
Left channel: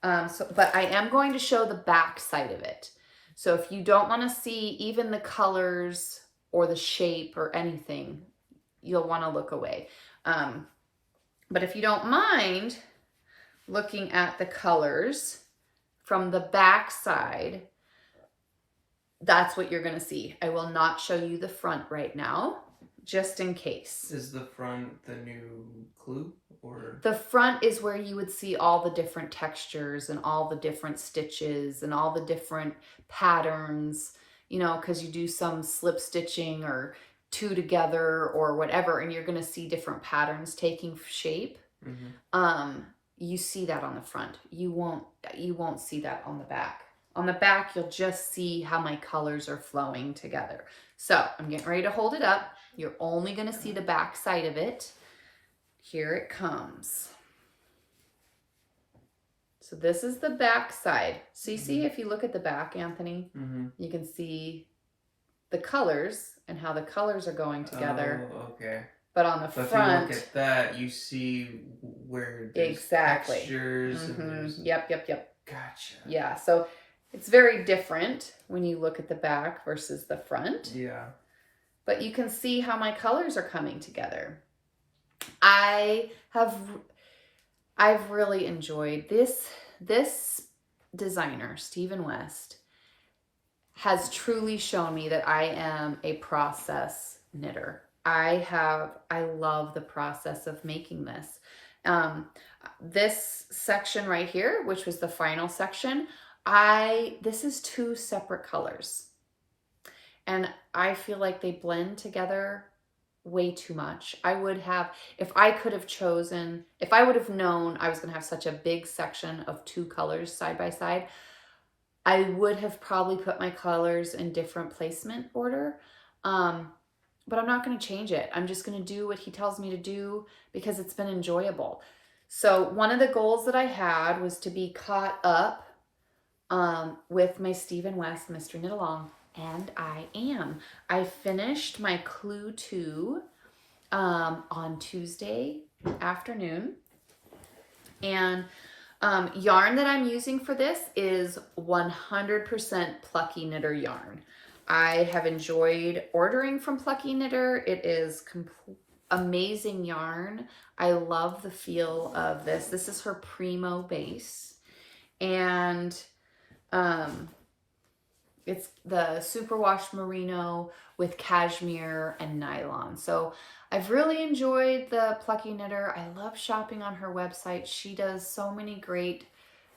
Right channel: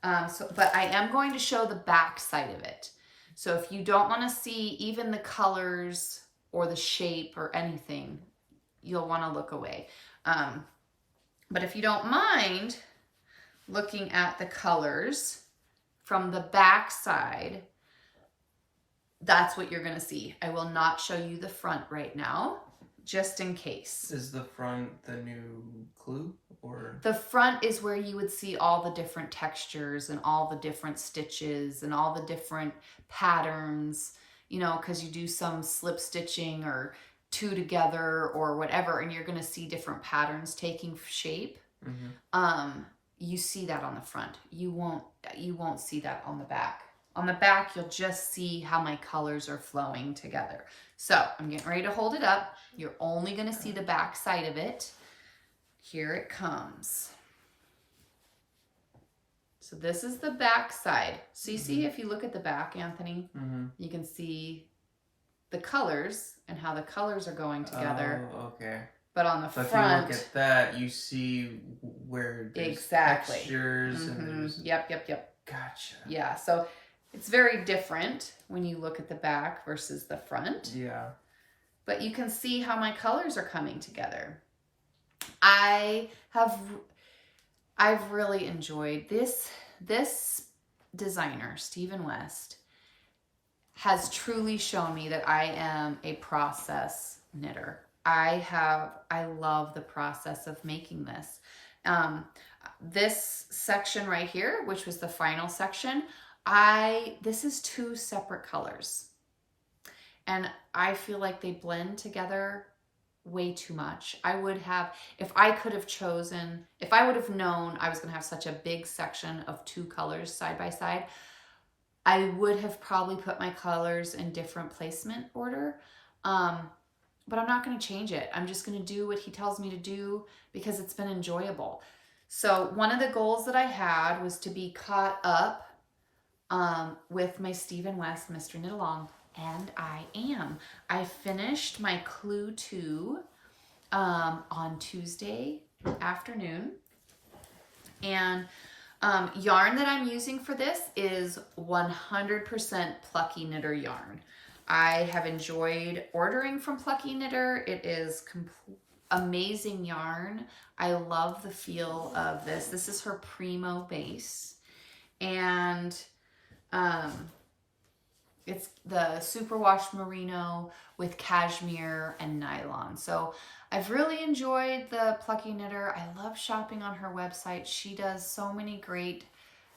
But I am going to show the back side of it. So if you don't want to see even the colors or the shape or anything, you'll want to look away. But if you don't mind looking at the colors from the back side, that's what you're going to see. I will not show you the front right now, just in case. Is the front the new clue, or? The front is where you would see all the different textures and all the different stitches and all the different patterns, you know, because you do some slip stitching or two together or whatever, and you're going to see different patterns taking shape. Mm-hmm. You see that on the front. You won't see that on the back. On the back, you'll just see how my colors are flowing together. So I'm getting ready to hold it up. You're only going to see the back side of it. Here it comes. So this is the back side. So you see, if you look at the back, Anthony, you can see the colors and how the colors are going together. Oh, okay. But on the front, if you look at that, you see where there's textures. And Yep. Gotcha. Yeah, so it's very different when you look at the back versus the front. Yeah. But you can see how my colors are coming together. I've really enjoyed this designer, Stephen West, has truly shown me that I am a process knitter. I love the process of making this. This section right here, which was the final section, this is 2 separate colors. And I feel like they blend together way too much. if I would have known I was going to have such a big section of 2 colors side by side, I would have probably put my colors in different placement order. But I'm not going to change it. I'm just going to do what he tells me to do because it's been enjoyable. So one of the goals that I had was to be caught up with my Stephen West Mystery Knit Along, and I am. I finished my Clue 2 on Tuesday afternoon, and yarn that I'm using for this is 100% Plucky Knitter yarn. I have enjoyed ordering from Plucky Knitter. It is amazing yarn. I love the feel of this. This is her Primo base. And it's the superwash merino with cashmere and nylon. So I've really enjoyed the Plucky Knitter. I love shopping on her website. She does so many great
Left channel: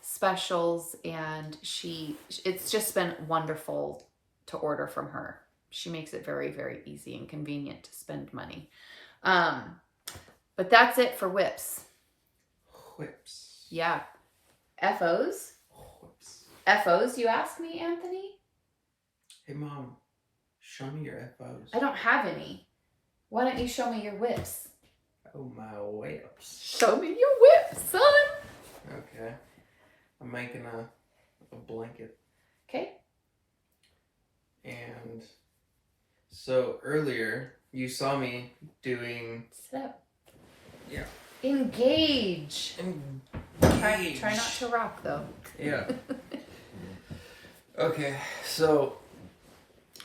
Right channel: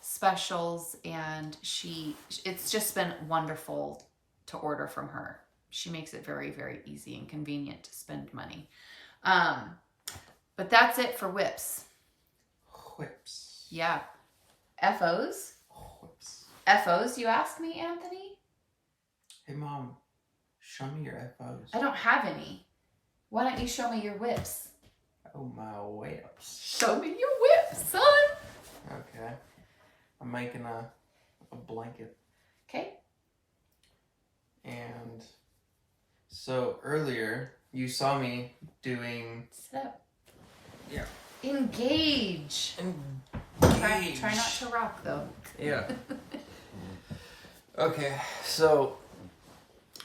specials, and it's just been wonderful to order from her. She makes it very, very easy and convenient to spend money. But that's it for whips. Whips. Yeah. FOs? Whips. FOs, you ask me, Anthony? Hey, Mom, show me your FOs. I don't have any. Why don't you show me your whips? Oh, my whips. Show me your whips, son. Okay. I'm making a blanket. Okay. And so earlier you saw me doing. Sit up. Yeah. Engage. Try not to rock though. Yeah. Okay, so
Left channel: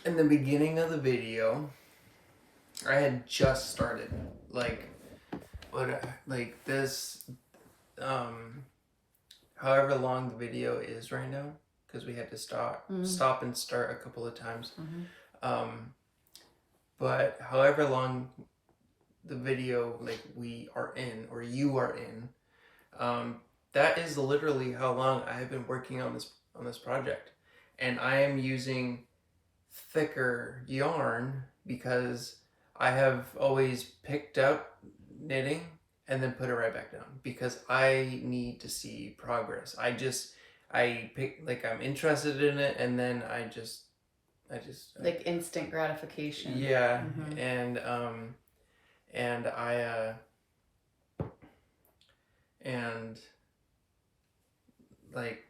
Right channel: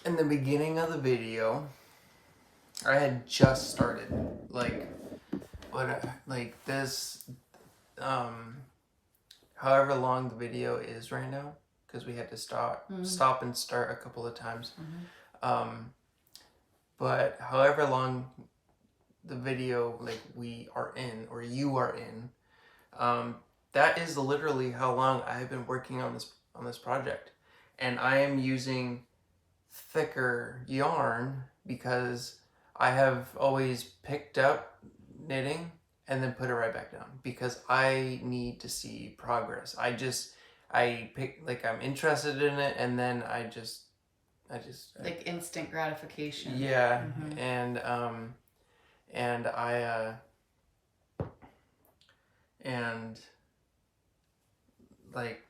in the beginning of the video, I had just started this. However long the video is right now, because we had to stop and start a couple of times. But however long the video we are in, or you are in, that is literally how long I've been working on this project. And I am using thicker yarn because I have always picked up knitting and then put it right back down because I need to see progress. I'm interested in it, and then I just like instant gratification. Yeah, and I and like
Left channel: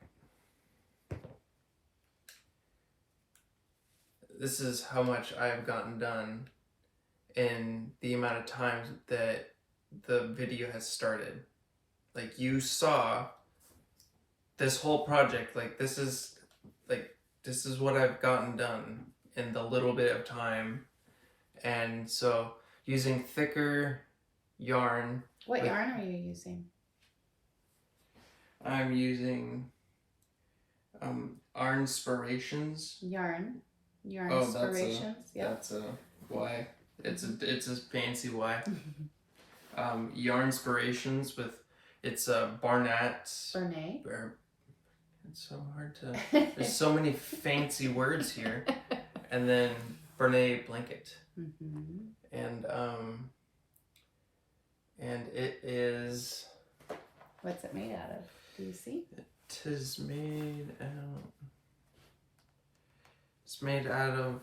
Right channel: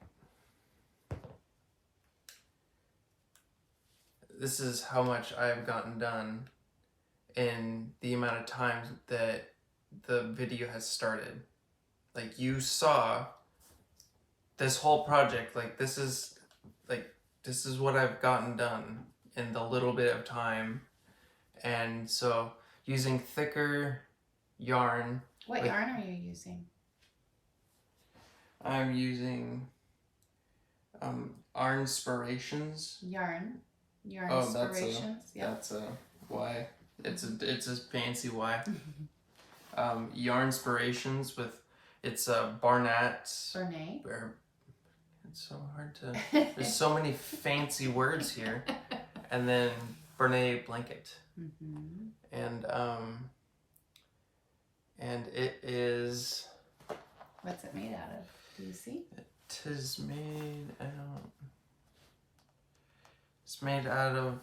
this is how much I've gotten done in the amount of time that the video has started. Like, you saw this whole project. Like, this is what I've gotten done in the little bit of time. And so using thicker yarn. What yarn are you using? I'm using Inspirations. Yarn Inspirations. That's a Y. It's a fancy Y. Yarn Inspirations with it's a Barnett. It's so hard to. There's so many fancy words here, and then Barnett blanket, and it is. What's it made out of? Do you see? It is made out. It's made out of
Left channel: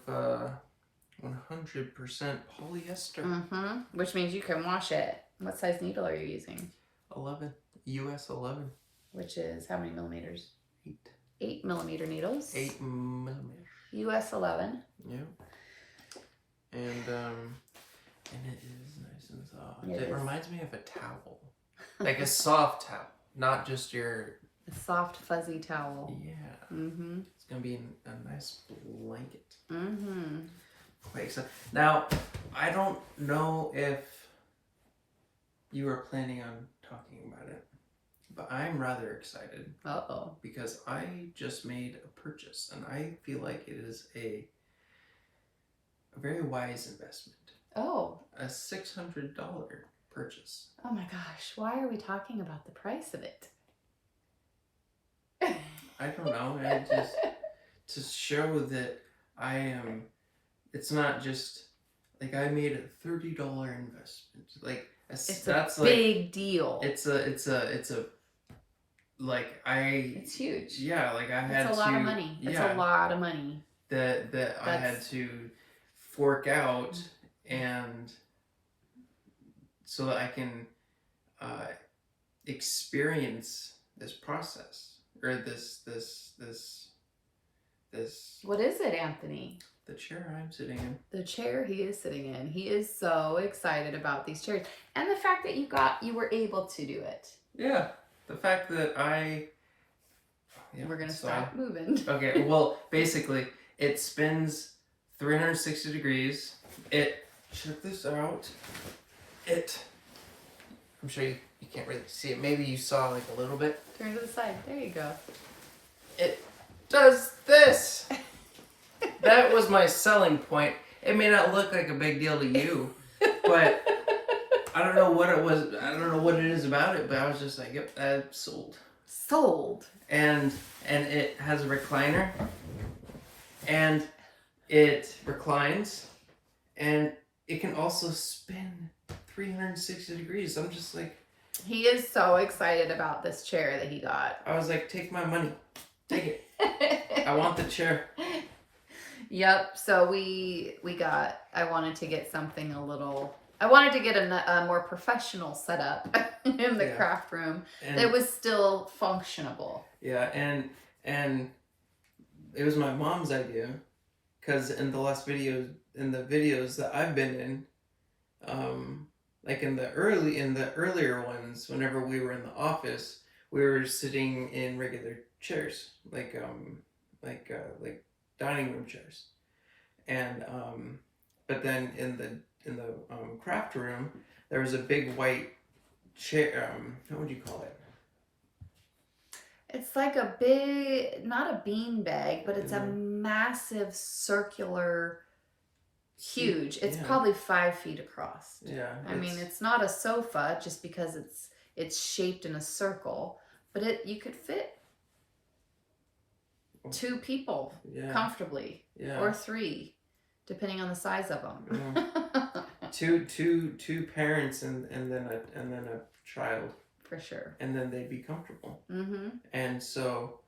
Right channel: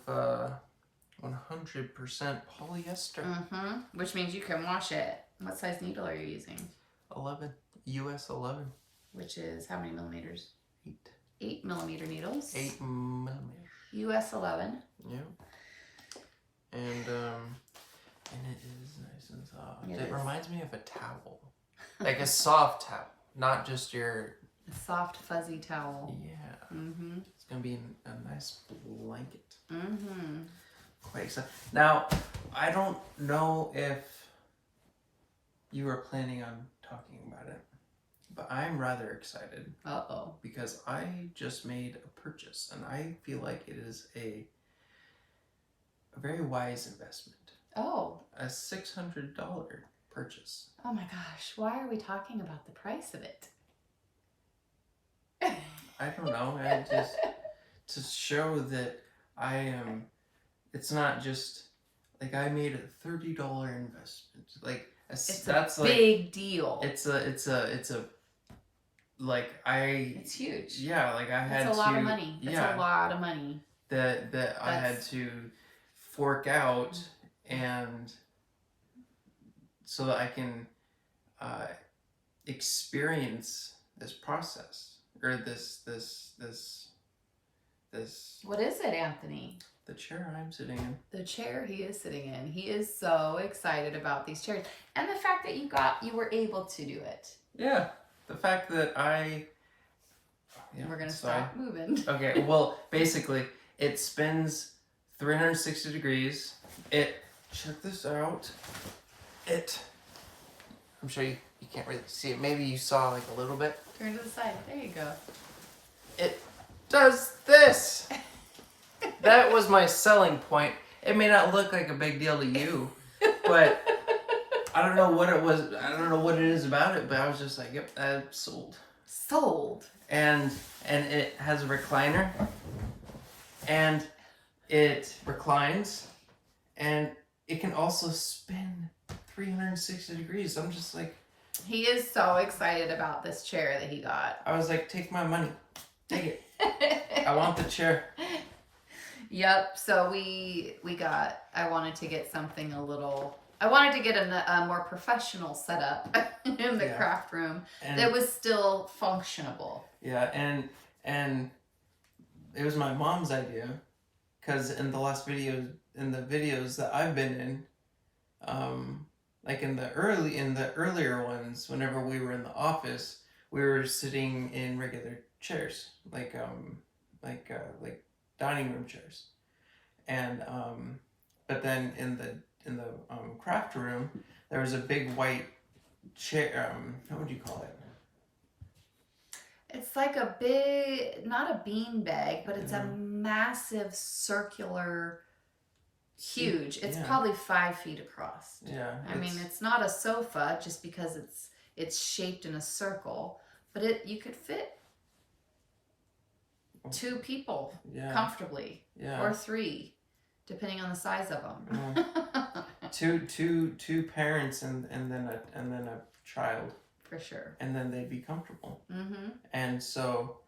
100% polyester. Which means you can wash it. What size needle are you using? 11. US 11. Which is how many millimeters? 8. 8 millimeter needles. 8 millimeters. US 11. Yeah. And it is nice and soft. It reminds me of a towel. Like a soft towel. Not just your... A soft, fuzzy towel. Yeah. It's going to be a nice blanket. Quite excited. Now, I don't know if you were planning on talking about it, but I'm rather excited. Because I just made a purchase, and I feel like it is a very wise investment. A $600 purchase. Oh my gosh, why are we talking about the price of it? I don't know. I just to show that I am. It's not just like I made a $30 investment. Like it's that's a big deal. It's a like I. It's huge. Yeah, like I had. It's a lot of money. It's a lot of money. That I had to fork out, and so that I can experience this process. Or this. What is it, Anthony? The chair I'm sitting in. The chair he is sitting in. He is so excited about these chairs. And the fact that you were able to do it. Yeah. The fact that I... Yeah, we're going to stop moving. Okay, well, basically, it spins 360 degrees. Check this out. I'm sure you can't really see it. Maybe you saw like a little bit. Turn to the side. There you go. It does this. That was my selling point. It may not look like a big deal to you, but I don't know what it was. I don't know what it is about it, but I was just like, yep, that's sold. Sold. And it has a recliner, and it reclines, and it can also spin 360 degrees. I'm just like... He is so excited about this chair that he got. I was like, take my money. Take it. I want the chair. Yep. So I wanted to get something I wanted to get a more professional setup in the craft room that was still functionable. Yeah. And it was my mom's idea, because in the videos that I've been in, like in the earlier ones, whenever we were in the office, we were sitting in regular chairs, like dining room chairs, and but then in the craft room, there was a big white chair. What would you call it? It's like not a bean bag, but it's a massive circular. Huge. It's probably 5 feet across. Yeah. I mean, it's not a sofa just because it's shaped in a circle, but you could fit 2 people comfortably, or 3, depending on the size of them. two parents and then a child, For sure. and then they'd be comfortable. Mm-hmm. And so,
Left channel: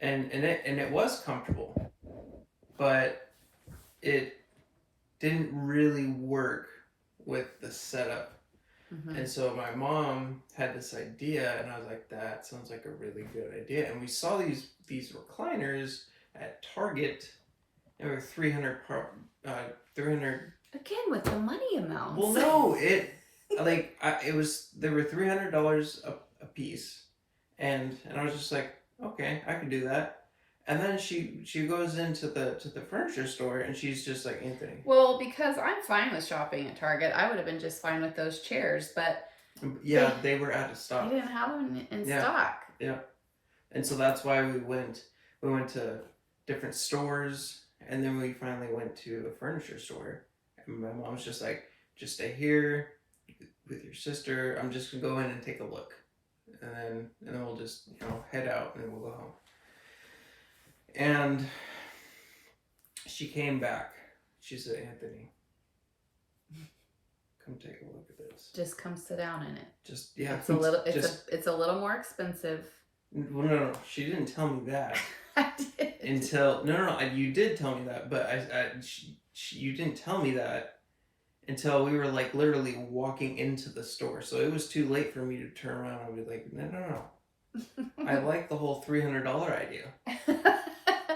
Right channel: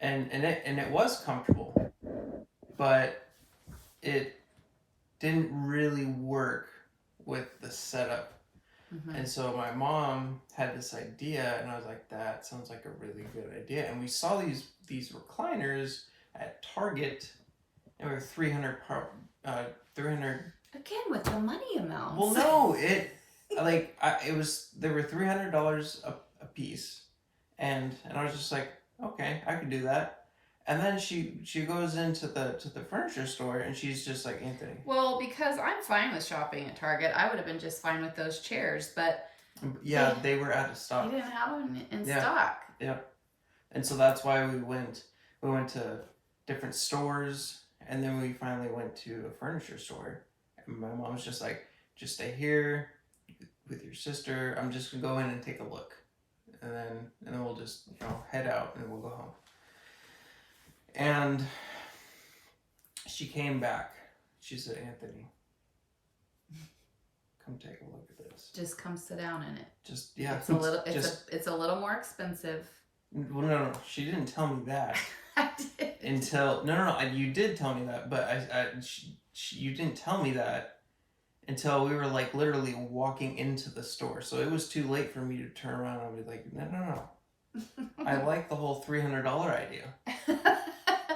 and it was comfortable, but it didn't really work with the setup. Mm-hmm. And so my mom had this idea, and I was like, that sounds like a really good idea. And we saw these recliners at Target, and they were 300 Again, with the money amounts. Well, no, it they were $300 a piece, and I was just like, okay, I can do that. And then she goes into the furniture store, and she's just like, Anthony. Well, because I'm fine with shopping at Target, I would have been just fine with those chairs, but yeah, they were out of stock. They didn't have them in stock. Yep. And so that's why we went to different stores, and then we finally went to a furniture store. And my mom was just like, just stay here with your sister. I'm just gonna go in and take a look, and then we'll just head out and we'll go home. And she came back. She said, Anthony, come take a look at this. Just come sit down in it. Just yeah. It's a little more expensive. Well, no, she didn't tell me that. I did. Until no, you did tell me that, but you didn't tell me that until we were like literally walking into the store. So it was too late for me to turn around and be like, no. I like the whole $300 idea.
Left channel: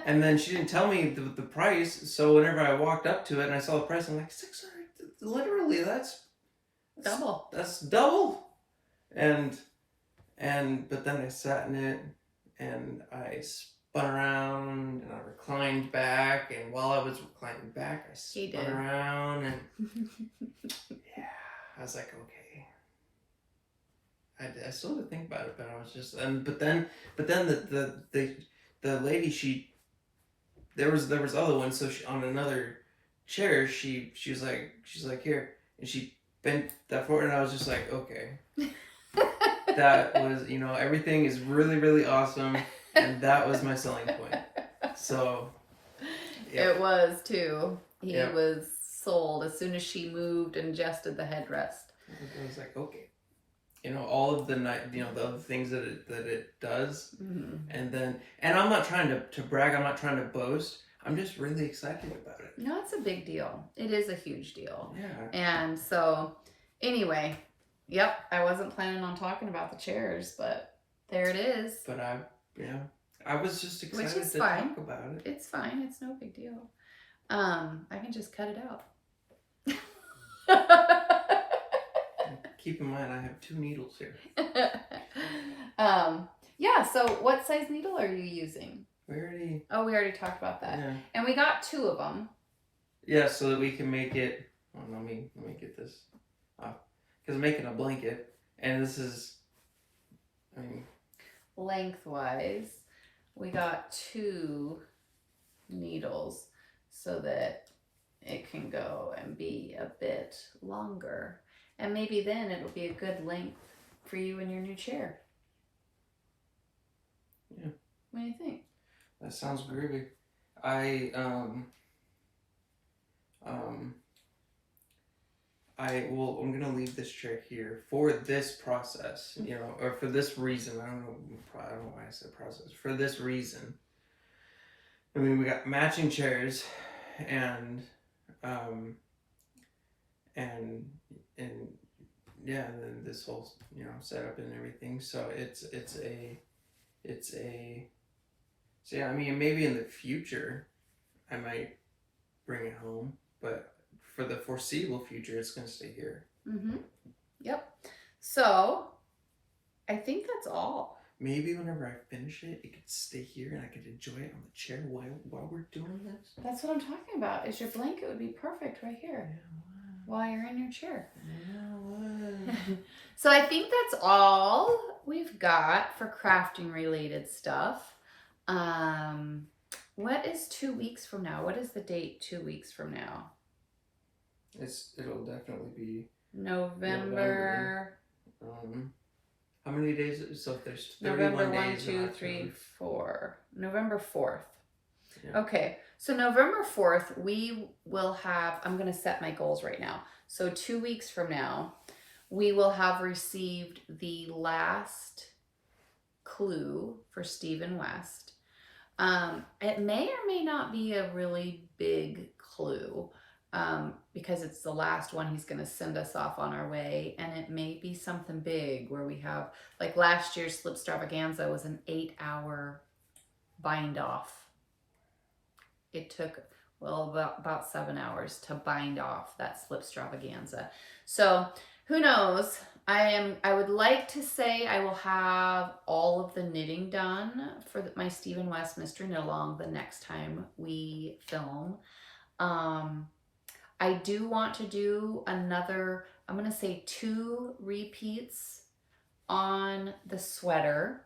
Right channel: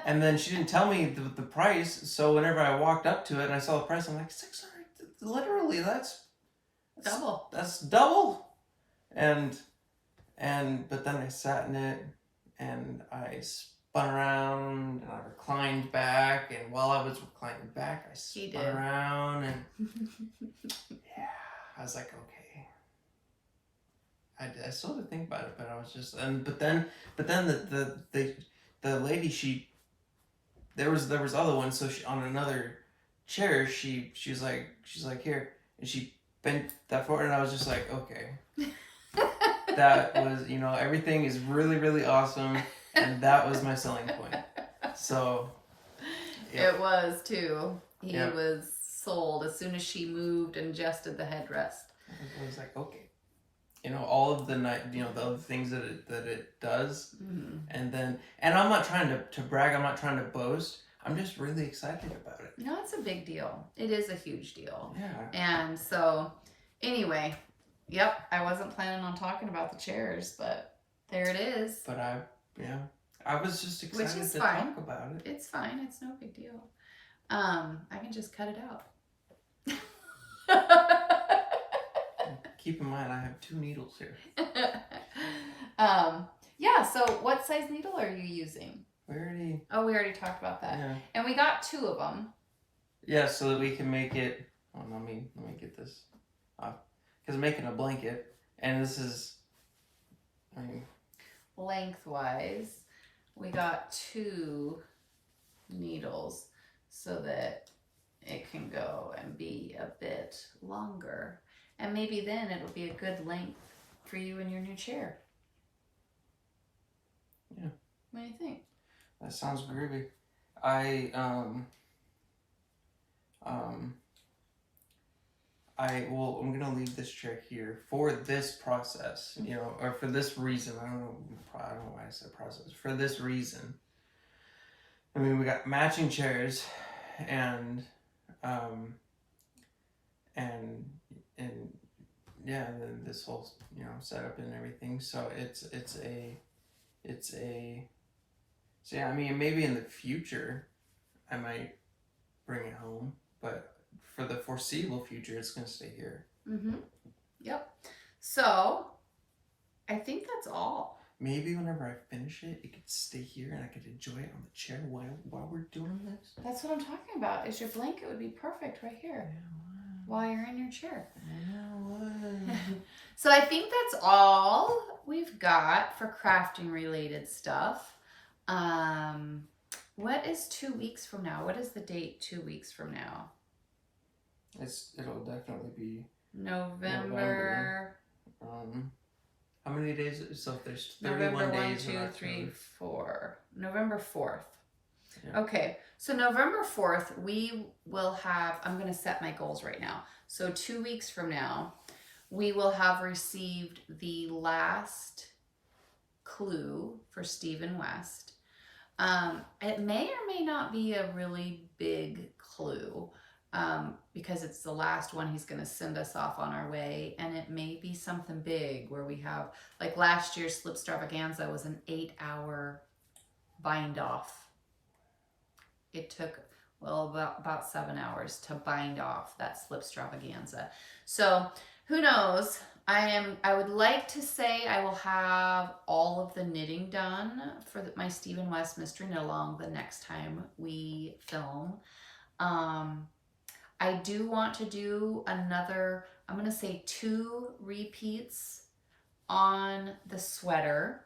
And then she didn't tell me the price. So whenever I walked up to it and I saw the price, I'm like, $600. Literally, that's double. That's double. And but then I sat in it and I spun around and I reclined back, and while I was reclining back, I spun around and yeah, I was like, okay. I still had to think about it, but I was just but then the lady, there was other ones, so she, on another chair, she was like here, and she bent that forward, and I was just like, okay. That was, everything is really, really awesome, and that was my selling point. So, yeah. It was too. He was sold as soon as she moved and adjusted the headrest. I was like, okay. All of the the other things that it does, mm-hmm. and I'm not trying to brag. I'm not trying to boast. I'm just really excited about it. No, it's a big deal. It is a huge deal. Yeah. And so, anyway. Yep, I wasn't planning on talking about the chairs, but there it is. But I was just excited to fine. Talk about it. It's fine. It's no big deal. I can just cut it out. Keep in mind, I have 2 needles here. Yeah. So, what size needle are you using? We already talked about that. Yeah. And we got 2 of them. Yeah, so that we can make it. Oh, let me get this off. Because I'm making a blanket, and this is, lengthwise, we got 2 needles so that it can go and be a bit longer. And maybe then it'll be a good length for you in your new chair. Yeah. What do you think? That sounds groovy. I'm gonna leave this chair here for this process, or for this reason. I don't know why I said process. For this reason, we got matching chairs, and yeah, and then this whole setup and everything. So so yeah. Maybe in the future, I might bring it home, but for the foreseeable future, it's going to stay here. Mm-hmm. Yep. So, I think that's all. Maybe whenever I finish it, it could stay here and I could enjoy it on the chair while we're doing this. That's what I'm talking about. Is your blanket would be perfect right here. Yeah, while you're in your chair. Yeah, So I think that's all we've got for crafting related stuff. What is 2 weeks from now? What is the date 2 weeks from now? It'll definitely be November. How many days? So if there's 31 November 1, days 2, 3, 4. November 4th. Yeah. Okay, So November 4th, we will have, I'm going to set my goals right now. So 2 weeks from now, we will have received the last clue for Stephen West. It may or may not be a really big clue because it's the last one he's going to send us off on our way. And it may be something big where we have, like last year's Slipstravaganza was an 8-hour bind off. It took, well, about 7 hours to bind off that Slipstravaganza. So who knows? I would like to say I will have all of the knitting done for my Stephen West Mystery Knit Along the next time we film. I do want to do another, I'm going to say 2 repeats on the sweater.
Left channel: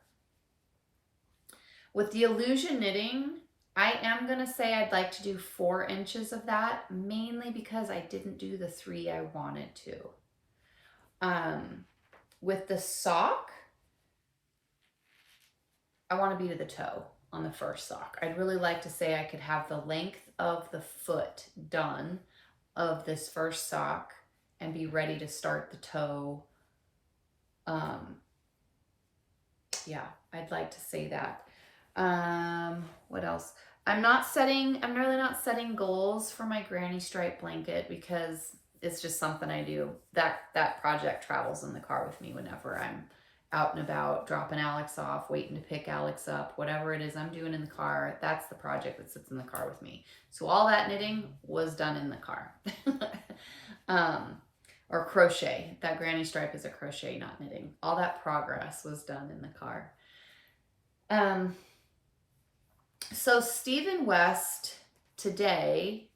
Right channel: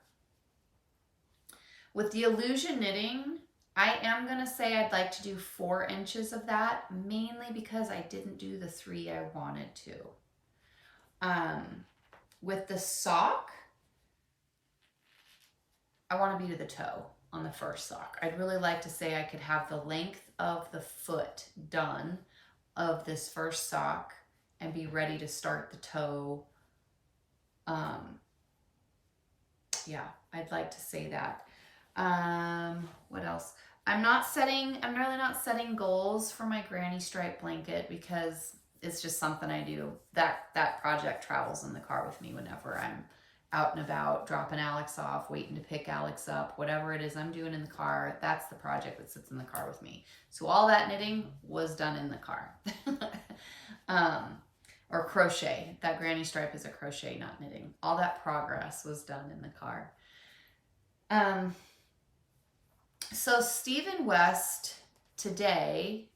With the illusion knitting, I am going to say I'd like to do 4 inches of that, mainly because I didn't do the 3 I wanted to. With the sock, I want to be to the toe on the first sock. I'd really like to say I could have the length of the foot done of this first sock and be ready to start the toe. Yeah, I'd like to say that. What else? I'm really not setting goals for my granny stripe blanket because it's just something I do. That project travels in the car with me whenever I'm out and about, dropping Alex off, waiting to pick Alex up, whatever it is I'm doing in the car, that's the project that sits in the car with me. So all that knitting was done in the car. Or crochet. That granny stripe is a crochet, not knitting. All that progress was done in the car. So Stephen West today,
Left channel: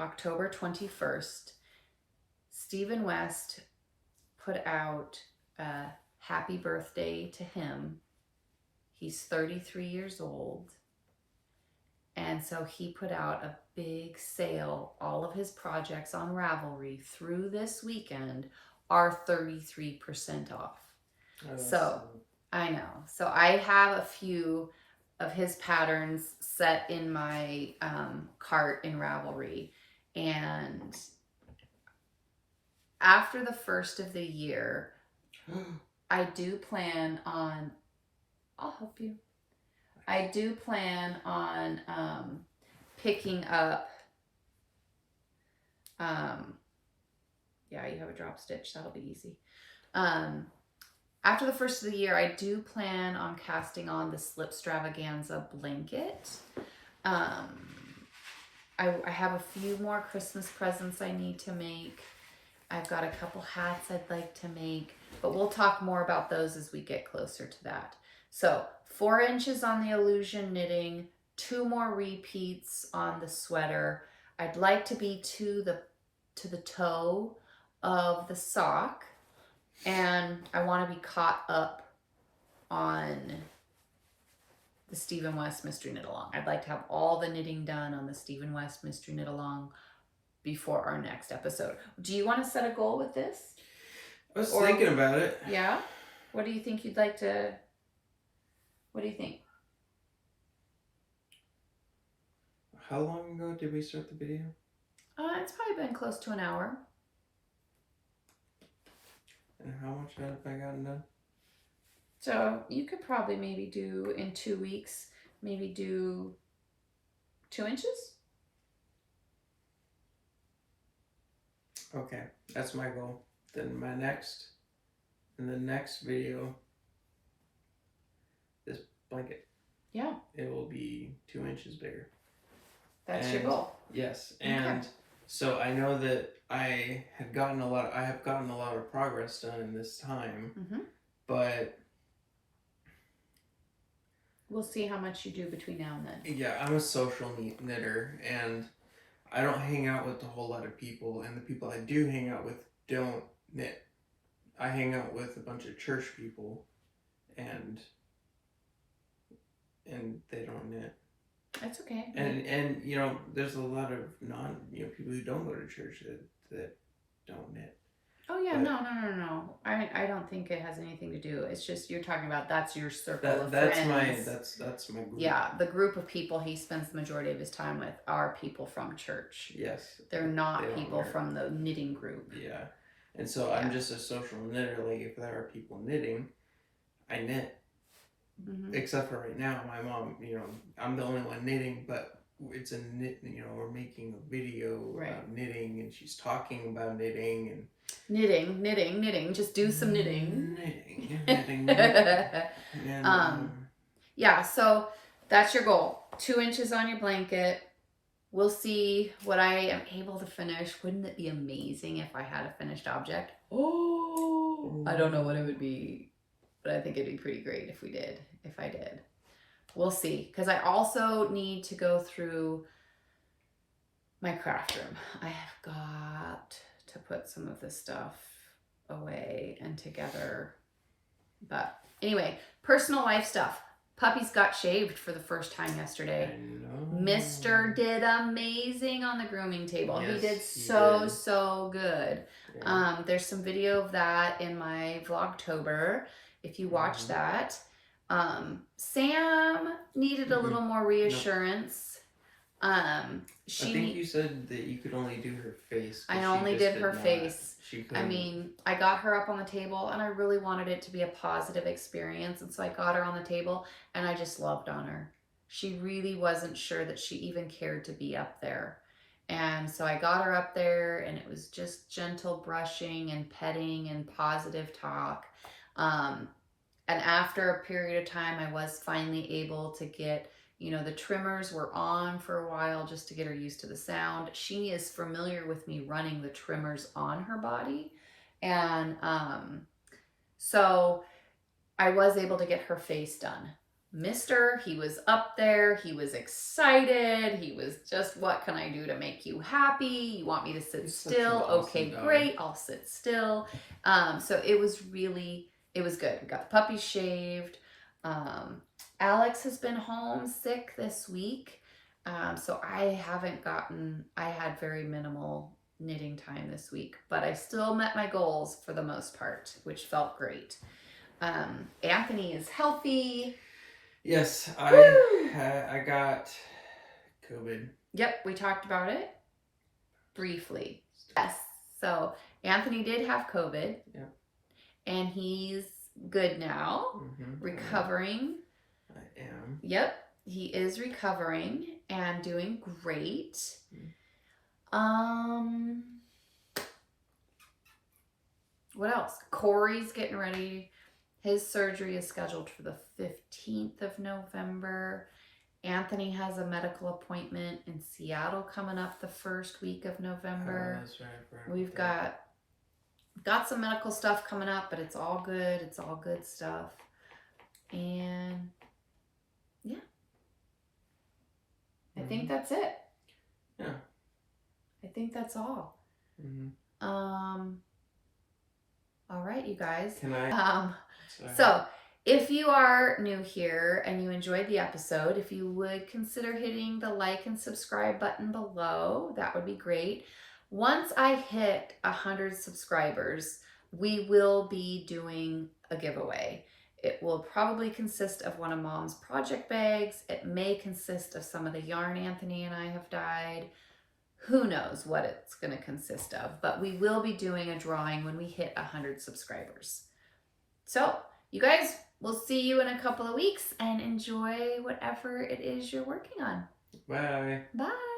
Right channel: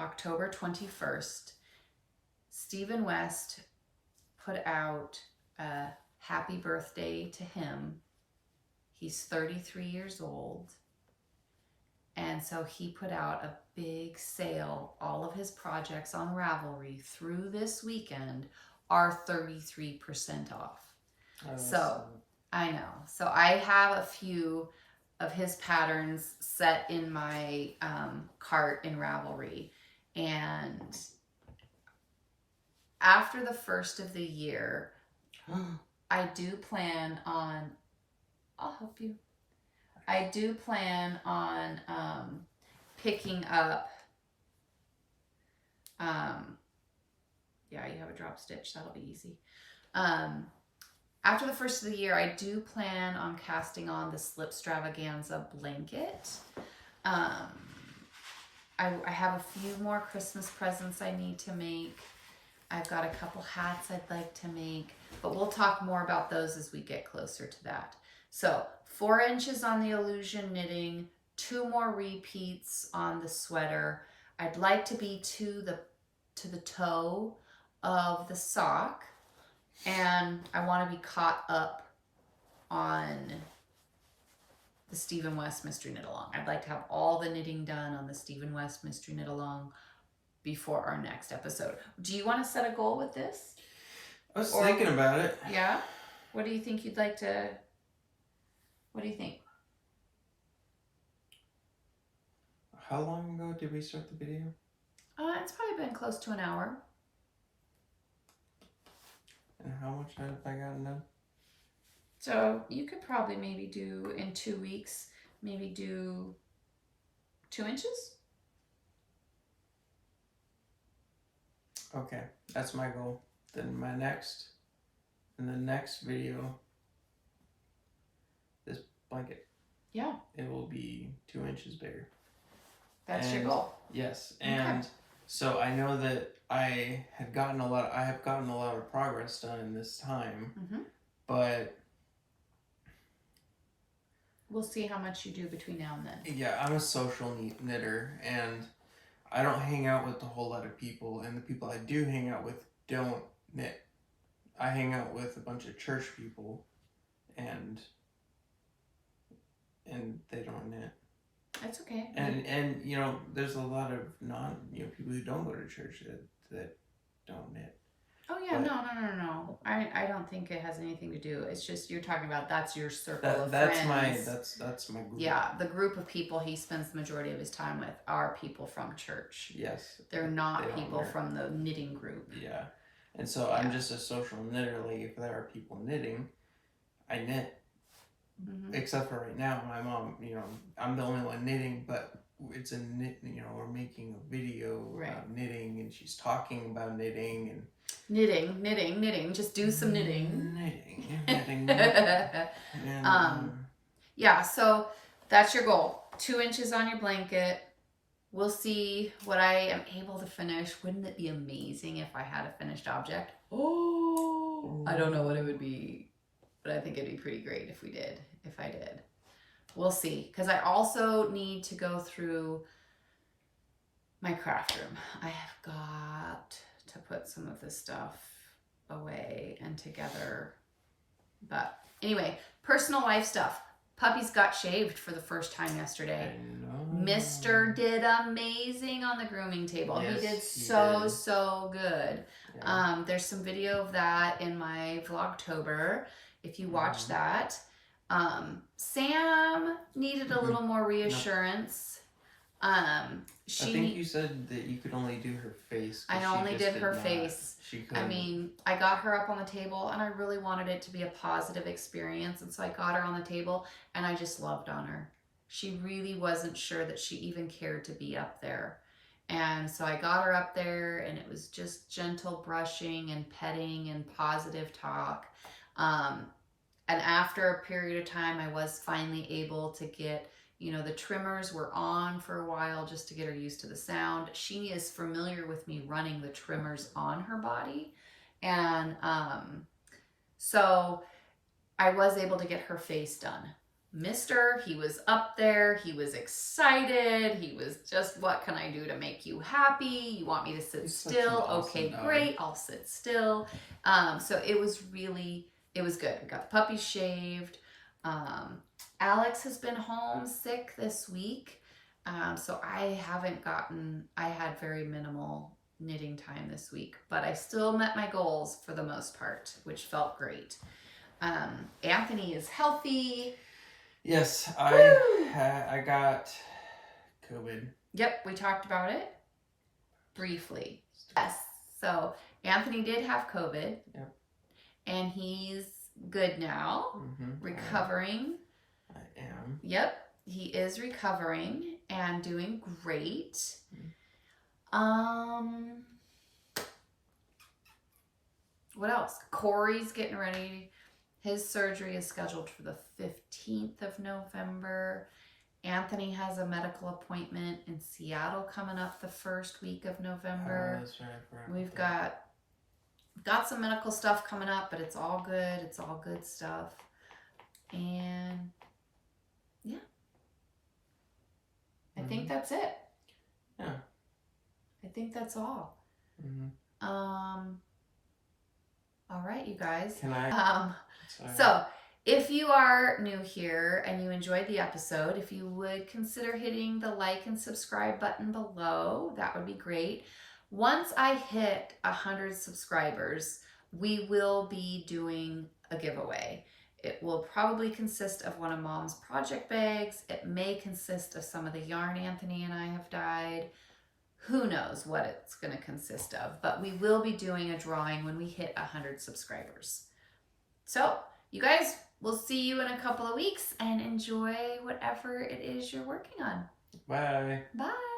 October 21st, Stephen West put out a happy birthday to him. He's 33 years old. And so he put out a big sale. All of his projects on Ravelry through this weekend are 33% off. So I know. So I have a few of his patterns set in my cart in Ravelry. And after the first of the year, I do plan on, I'll help you. I do plan on picking up, yeah, you have a drop stitch, that'll be easy. After the first of the year, I do plan on casting on the Slipstravaganza blanket. I have a few more Christmas presents I need to make. I've got a couple hats I'd like to make, but we'll talk more about those as we get closer to that. So 4 inches on the illusion knitting, 2 more repeats on the sweater. I'd like to be to the toe of the sock, and I want to be caught up on the Stephen West Mystery Knit Along. I'd like to have all the knitting done on the Stephen West Mystery Knit Along before our next episode. Do you want to set a goal with this? I was thinking about it. Yeah? What do you think you'd like to... What do you think? How long ago did we start the video? It's probably been close to an hour. And how much have I gotten done? So you could probably maybe do in 2 weeks, maybe do 2 inches. Okay, that's my goal. Then in the next video, this blanket. Yeah. It will be 2 inches bigger. That's your goal. Yes, and okay. So I know that I have gotten a lot of progress done in this time, but we'll see how much you do between now and then. Yeah, I'm a social knitter, and I don't hang out with a whole lot of people, and the people I do hang out with don't knit. I hang out with a bunch of church people, and they don't knit. That's okay. And you know, there's a lot of people who don't go to church that don't knit. Oh yeah, But no. I don't think it has anything to do. It's just you're talking about that's your circle of that's friends. that's my group. Yeah, the group of people he spends the majority of his time with are people from church. Yes. They're not They don't people wear- from the knitting group. Yeah. And so Yeah. I'm just a social knitter. Like if there are people knitting, I knit. Mm-hmm. Except for right now, my mom, I'm the only one knitting, but it's a knit, we're making a video about knitting, and she's talking about knitting and knitting. Just do some knitting. Knitting. And, yeah. So that's your goal. 2 inches on your blanket. We'll see what I am able to finish. Wouldn't it be amazing if I had a finished object? Oh, I don't know what it would be, but I think it'd be pretty great if I did. We'll see. Because I also need to go through my craft room. I have got to put some of this stuff away and together. But anyway, personal life stuff. Puppies got shaved for the first time yesterday. Mister did amazing on the grooming table. Yes, he did so good. Yeah. There's some video of that in my Vlogtober. If you watch that. Sam needed a little more reassurance. I think you said that you could only do her face. I only did her face. I mean, I got her up on the table and I really wanted it to be a positive experience. And so I got her on the table and I just loved on her. She really wasn't sure that she even cared to be up there. And so I got her up there and it was just gentle brushing and petting and positive talk. And after a period of time, I was finally able to get, the trimmers were on for a while just to get her used to the sound. She is familiar with me running the trimmers on her body. And so I was able to get her face done. Mister, he was up there. He was excited. He was just, what can I do to make you happy? You want me to sit still? Okay, great. I'll sit still. So it was good. We got the puppy shaved. Alex has been home sick this week. So I had very minimal knitting time this week, but I still met my goals for the most part, which felt great. Anthony is healthy. Yes, I got COVID. Yep, we talked about it briefly. Yes, so Anthony did have COVID. Yep. And he's good now, recovering. I am. Yep, he is recovering and doing great. What else? Corey's getting ready. His surgery is scheduled for the 15th of November. Anthony has a medical appointment in Seattle coming up the first week of November. That's right. We've got some medical stuff coming up, but it's all good. It's all good stuff. And yeah, I think that's it. Yeah. I think that's all. All right, you guys. Can I? So if you are new here and you enjoyed the episode, if you would consider hitting the like and subscribe button below, that would be great. Once I hit 100 subscribers, we will be doing a giveaway. It will probably consist of one of Mom's project bags. It may consist of some of the yarn Anthony and I have dyed. Who knows what it's going to consist of, but we will be doing a drawing when we hit 100 subscribers. So you guys, we'll see you in a couple of weeks and enjoy whatever it is you're working on. Bye. Bye.